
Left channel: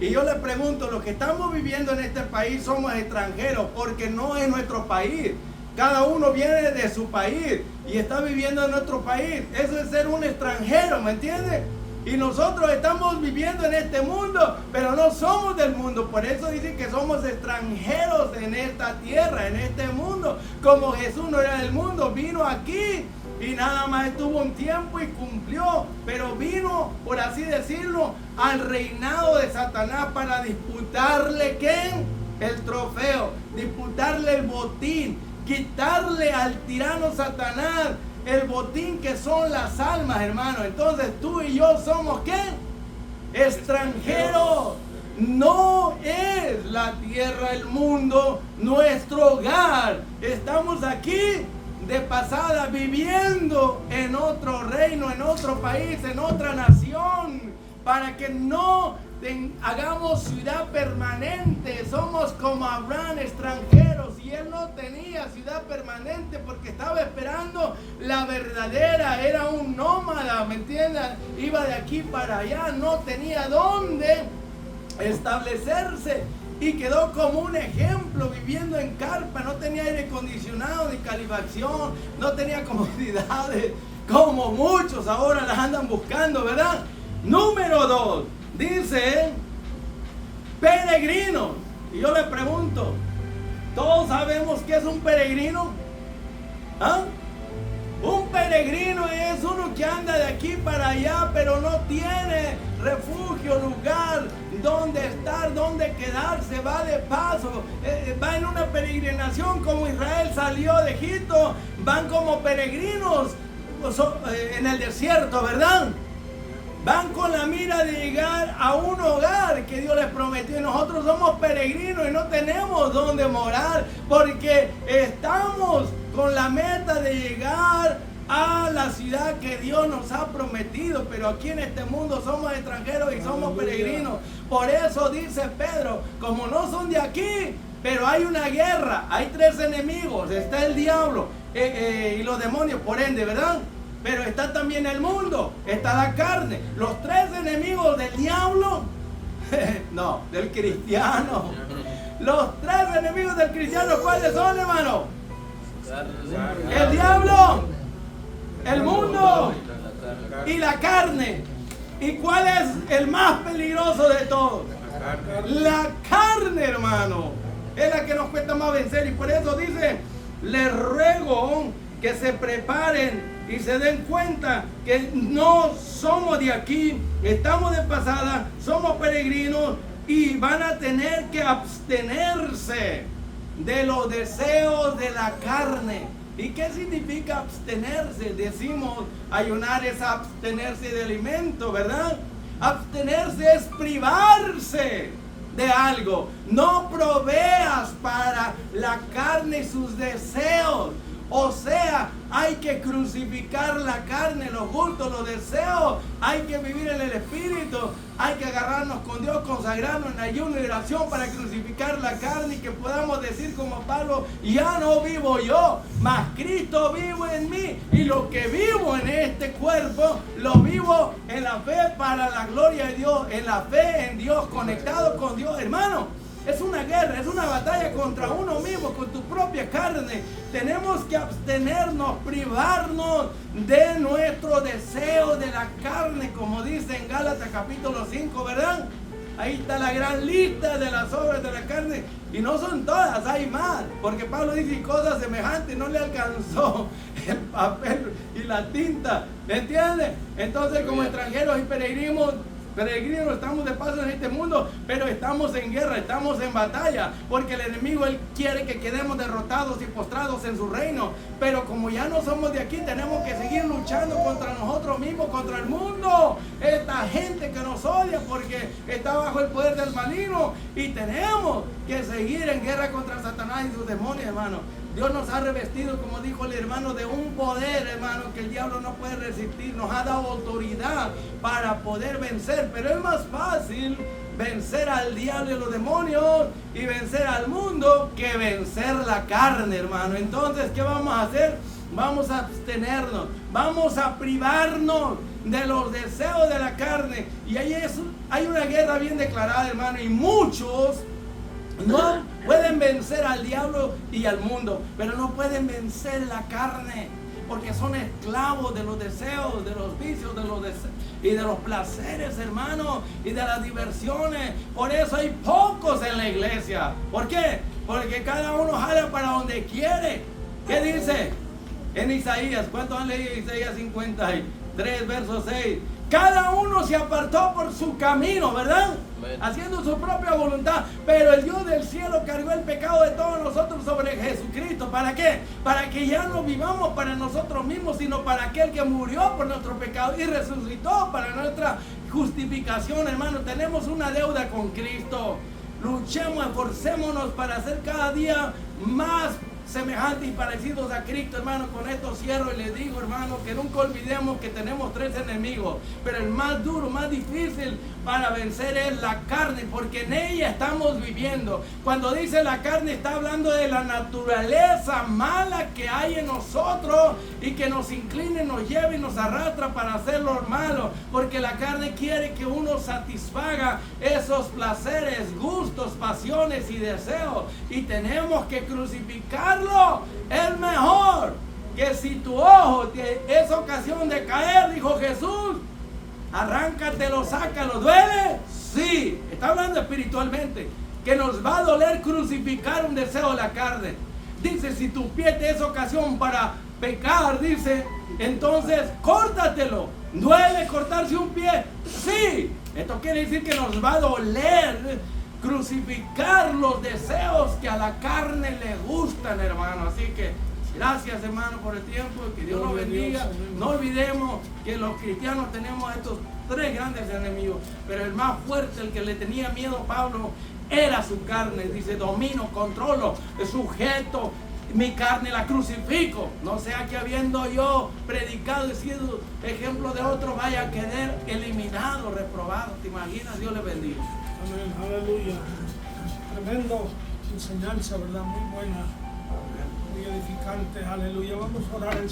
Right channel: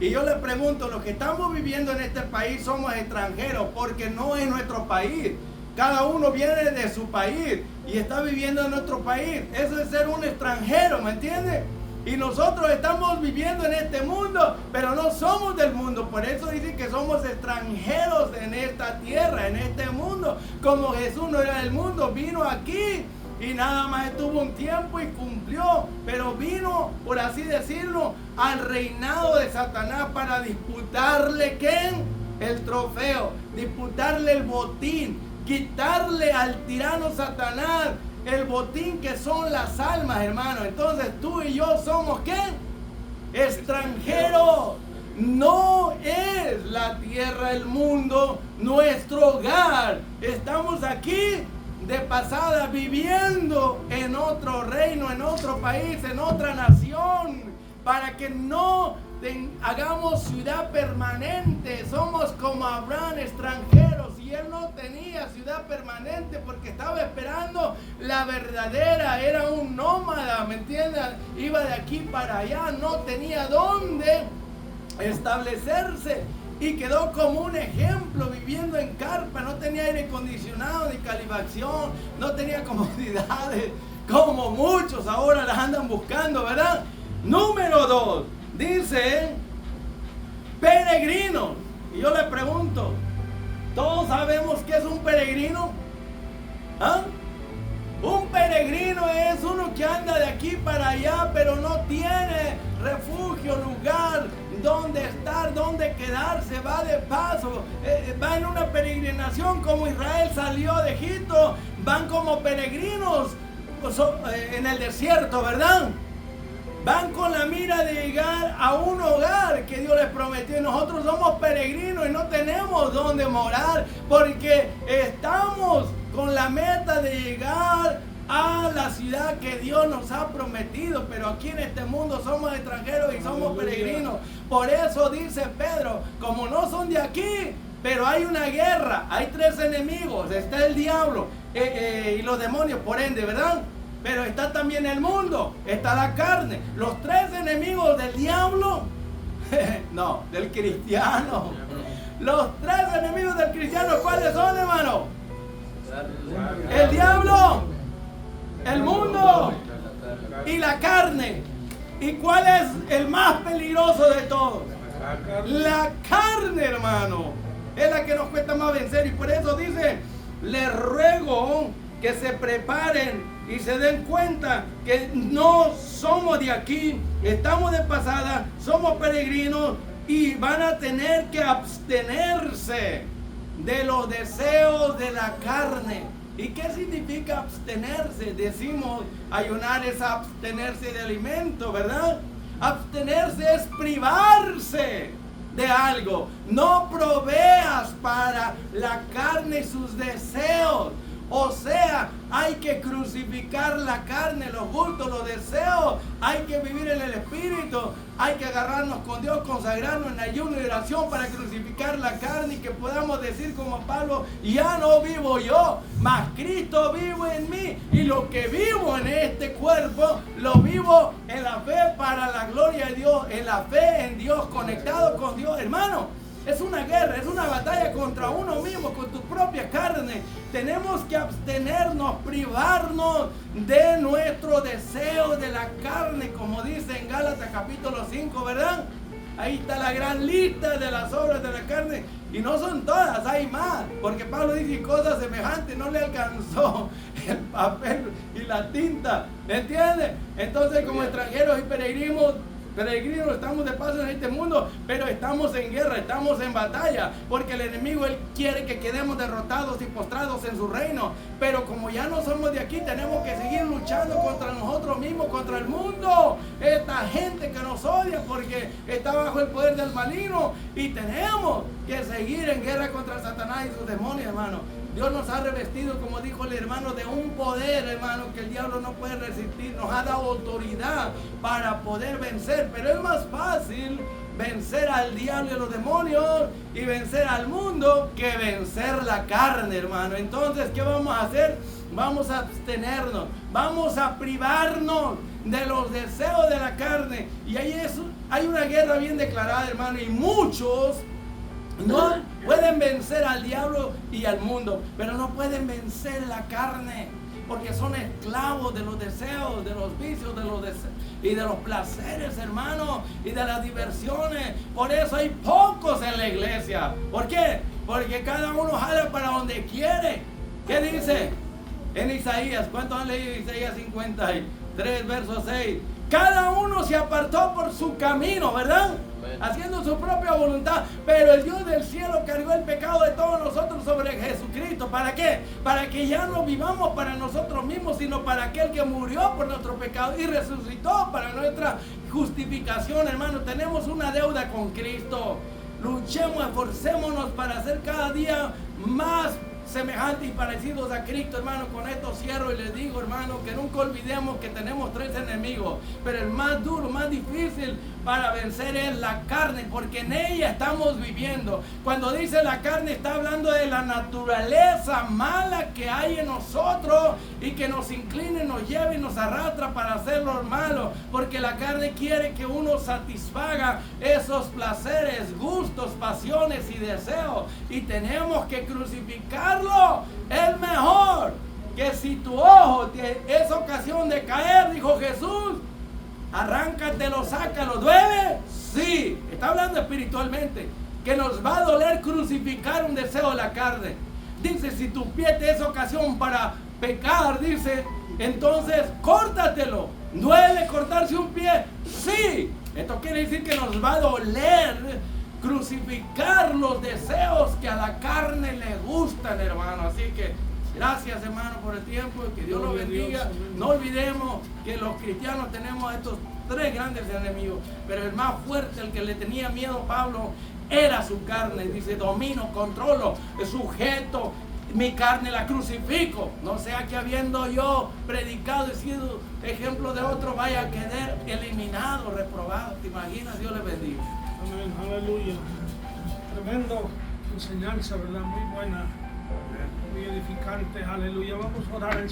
Y yo les pregunto, los que estamos viviendo en este país somos extranjeros, porque no es nuestro país. Cada uno viene de su país y está viviendo en nuestro país. Eso es ser un extranjero, ¿me entiendes? Y nosotros estamos viviendo en este mundo, pero no somos del mundo. Por eso dicen que somos extranjeros en esta tierra, en este mundo. Como Jesús no era del mundo, vino aquí y nada más estuvo un tiempo y cumplió, pero vino, por así decirlo, al reinado de Satanás para disputarle ¿qué? El trofeo, disputarle el botín, quitarle al tirano Satanás el botín que son las almas, hermano. Entonces tú y yo somos ¿qué? Extranjeros. No es la tierra, el mundo, nuestro hogar. Estamos aquí de pasada, viviendo en otro reino, en otro país, en otra nación, para que no hagamos ciudad permanente. Somos como Abraham, extranjeros, y él no tenía ciudad permanente porque estaba esperando la verdadera. Era un nómada, ¿me entiendes? Iba de aquí para allá, no tenía dónde establecerse, y quedó como un ejemplo viviendo en carpa. No tenía aire acondicionado ni calefacción, no tenía comodidades como muchos ahora las andan buscando, ¿verdad? Número 2, dice peregrino. Y yo le pregunto, ¿todos sabemos qué es un peregrino? ¿Ah? Un peregrino es uno que anda de aquí para allá, pero no tiene refugio, lugar donde estar, donde quedarse, va de paso, va en una peregrinación como Israel salió de Egipto, van como peregrinos en el desierto, ¿verdad? Van con la mira de llegar a un hogar que Dios les prometió, y nosotros somos peregrinos y no tenemos dónde morar porque estamos con la meta de llegar a la ciudad que Dios nos ha prometido, pero aquí en este mundo somos extranjeros y somos peregrinos. Por eso dice Pedro, como no son de aquí, pero hay una guerra, hay 3 enemigos, está el diablo y los demonios, por ende, ¿verdad? Pero está también el mundo, está la carne. Los 3 enemigos del diablo, no, del cristiano. Los 3 enemigos del cristiano, ¿cuáles son, hermano? El diablo, el mundo y la carne. ¿Y cuál es el más peligroso de todos? La carne, hermano. Es la que nos cuesta más vencer, y por eso dice, les ruego que se preparen y se den cuenta que no somos de aquí, estamos de pasada, somos peregrinos, y van a tener que abstenerse de los deseos de la carne. ¿Y qué significa abstenerse? Decimos, ayunar es abstenerse de alimento, ¿verdad? Abstenerse es privarse de algo. No proveas para la carne y sus deseos. O sea, hay que crucificar la carne, los gustos, los deseos. Hay que vivir en el Espíritu. Hay que agarrarnos con Dios, consagrarnos en ayuno y oración para crucificar la carne, y que podamos decir como Pablo, ya no vivo yo, mas Cristo vivo en mí. Y lo que vivo en este cuerpo, lo vivo en la fe para la gloria de Dios, en la fe en Dios, conectado con Dios, hermano. Es una guerra, es una batalla contra uno mismo, con tu propia carne. Tenemos que abstenernos, privarnos de nuestro deseo de la carne, como dice en Gálatas capítulo 5, ¿verdad? Ahí está la gran lista de las obras de la carne, y no son todas, hay más, porque Pablo dice cosas semejantes, no le alcanzó el papel y la tinta, ¿me entiendes? Entonces, como extranjeros y peregrinos estamos de paso en este mundo, pero estamos en guerra, estamos en batalla, porque el enemigo, él quiere que quedemos derrotados y postrados en su reino. Pero como ya no somos de aquí, tenemos que seguir luchando contra nosotros mismos, contra el mundo, esta gente que nos odia porque está bajo el poder del maligno, y tenemos que seguir en guerra contra Satanás y sus demonios, hermano. Dios nos ha revestido, como dijo el hermano, de un poder, hermano, que el diablo no puede resistir. Nos ha dado autoridad para poder vencer, pero es más fácil vencer al diablo y los demonios y vencer al mundo que vencer la carne, hermano. Entonces, ¿qué vamos a hacer? Vamos a abstenernos, vamos a privarnos de los deseos de la carne. Y ahí hay una guerra bien declarada, hermano, y muchos no pueden vencer al diablo y al mundo, pero no pueden vencer la carne, porque son esclavos de los deseos, de los vicios, y de los placeres, hermano, y de las diversiones. Por eso hay pocos en la iglesia. ¿Por qué? Porque cada uno jala para donde quiere. ¿Qué dice? En Isaías, ¿cuántos han leído Isaías 53, verso 6? Cada uno se apartó por su camino, ¿verdad? Haciendo su propia voluntad, pero el Dios del cielo cargó el pecado de todos nosotros sobre Jesucristo. ¿Para qué? Para que ya no vivamos para nosotros mismos, sino para aquel que murió por nuestro pecado y resucitó para nuestra justificación, hermano. Tenemos una deuda con Cristo. Luchemos, esforcémonos para ser cada día más semejantes y parecidos a Cristo, hermano. Con esto cierro y les digo, hermano, que nunca olvidemos que tenemos 3 enemigos, pero el más duro, más difícil para vencer es la carne, porque en ella estamos viviendo. Cuando dice la carne, está hablando de la naturaleza mala que hay en nosotros y que nos inclina, nos lleva y nos arrastra para hacer lo malo, porque la carne quiere que uno satisfaga esos placeres, gustos, pasiones y deseos, y tenemos que crucificarlo. Es mejor que si tu ojo es ocasión de caer, dijo Jesús, arráncatelo, sácalo. ¿Duele? Sí. Está hablando espiritualmente, que nos va a doler crucificar un deseo de la carne. Dice, si tu pie te es ocasión para pecar, dice, entonces córtatelo. ¿Duele cortarse un pie? Sí. Esto quiere decir que nos va a doler crucificar los deseos que a la carne le gustan, hermano. Así que gracias, hermano, por el tiempo, que Dios los bendiga. No olvidemos que los cristianos tenemos estos 3 grandes enemigos, pero el más fuerte, el que le tenía miedo a Pablo, era su carne. Dice, domino, controlo, sujeto mi carne, la crucifico, no sea que habiendo yo predicado y sido ejemplo de otro vaya a quedar eliminado, reprobado. ¿Te imaginas? Dios le bendiga. Amén, aleluya. Tremendo enseñanza, ¿verdad? Muy buena, muy edificante, aleluya. Vamos a orar en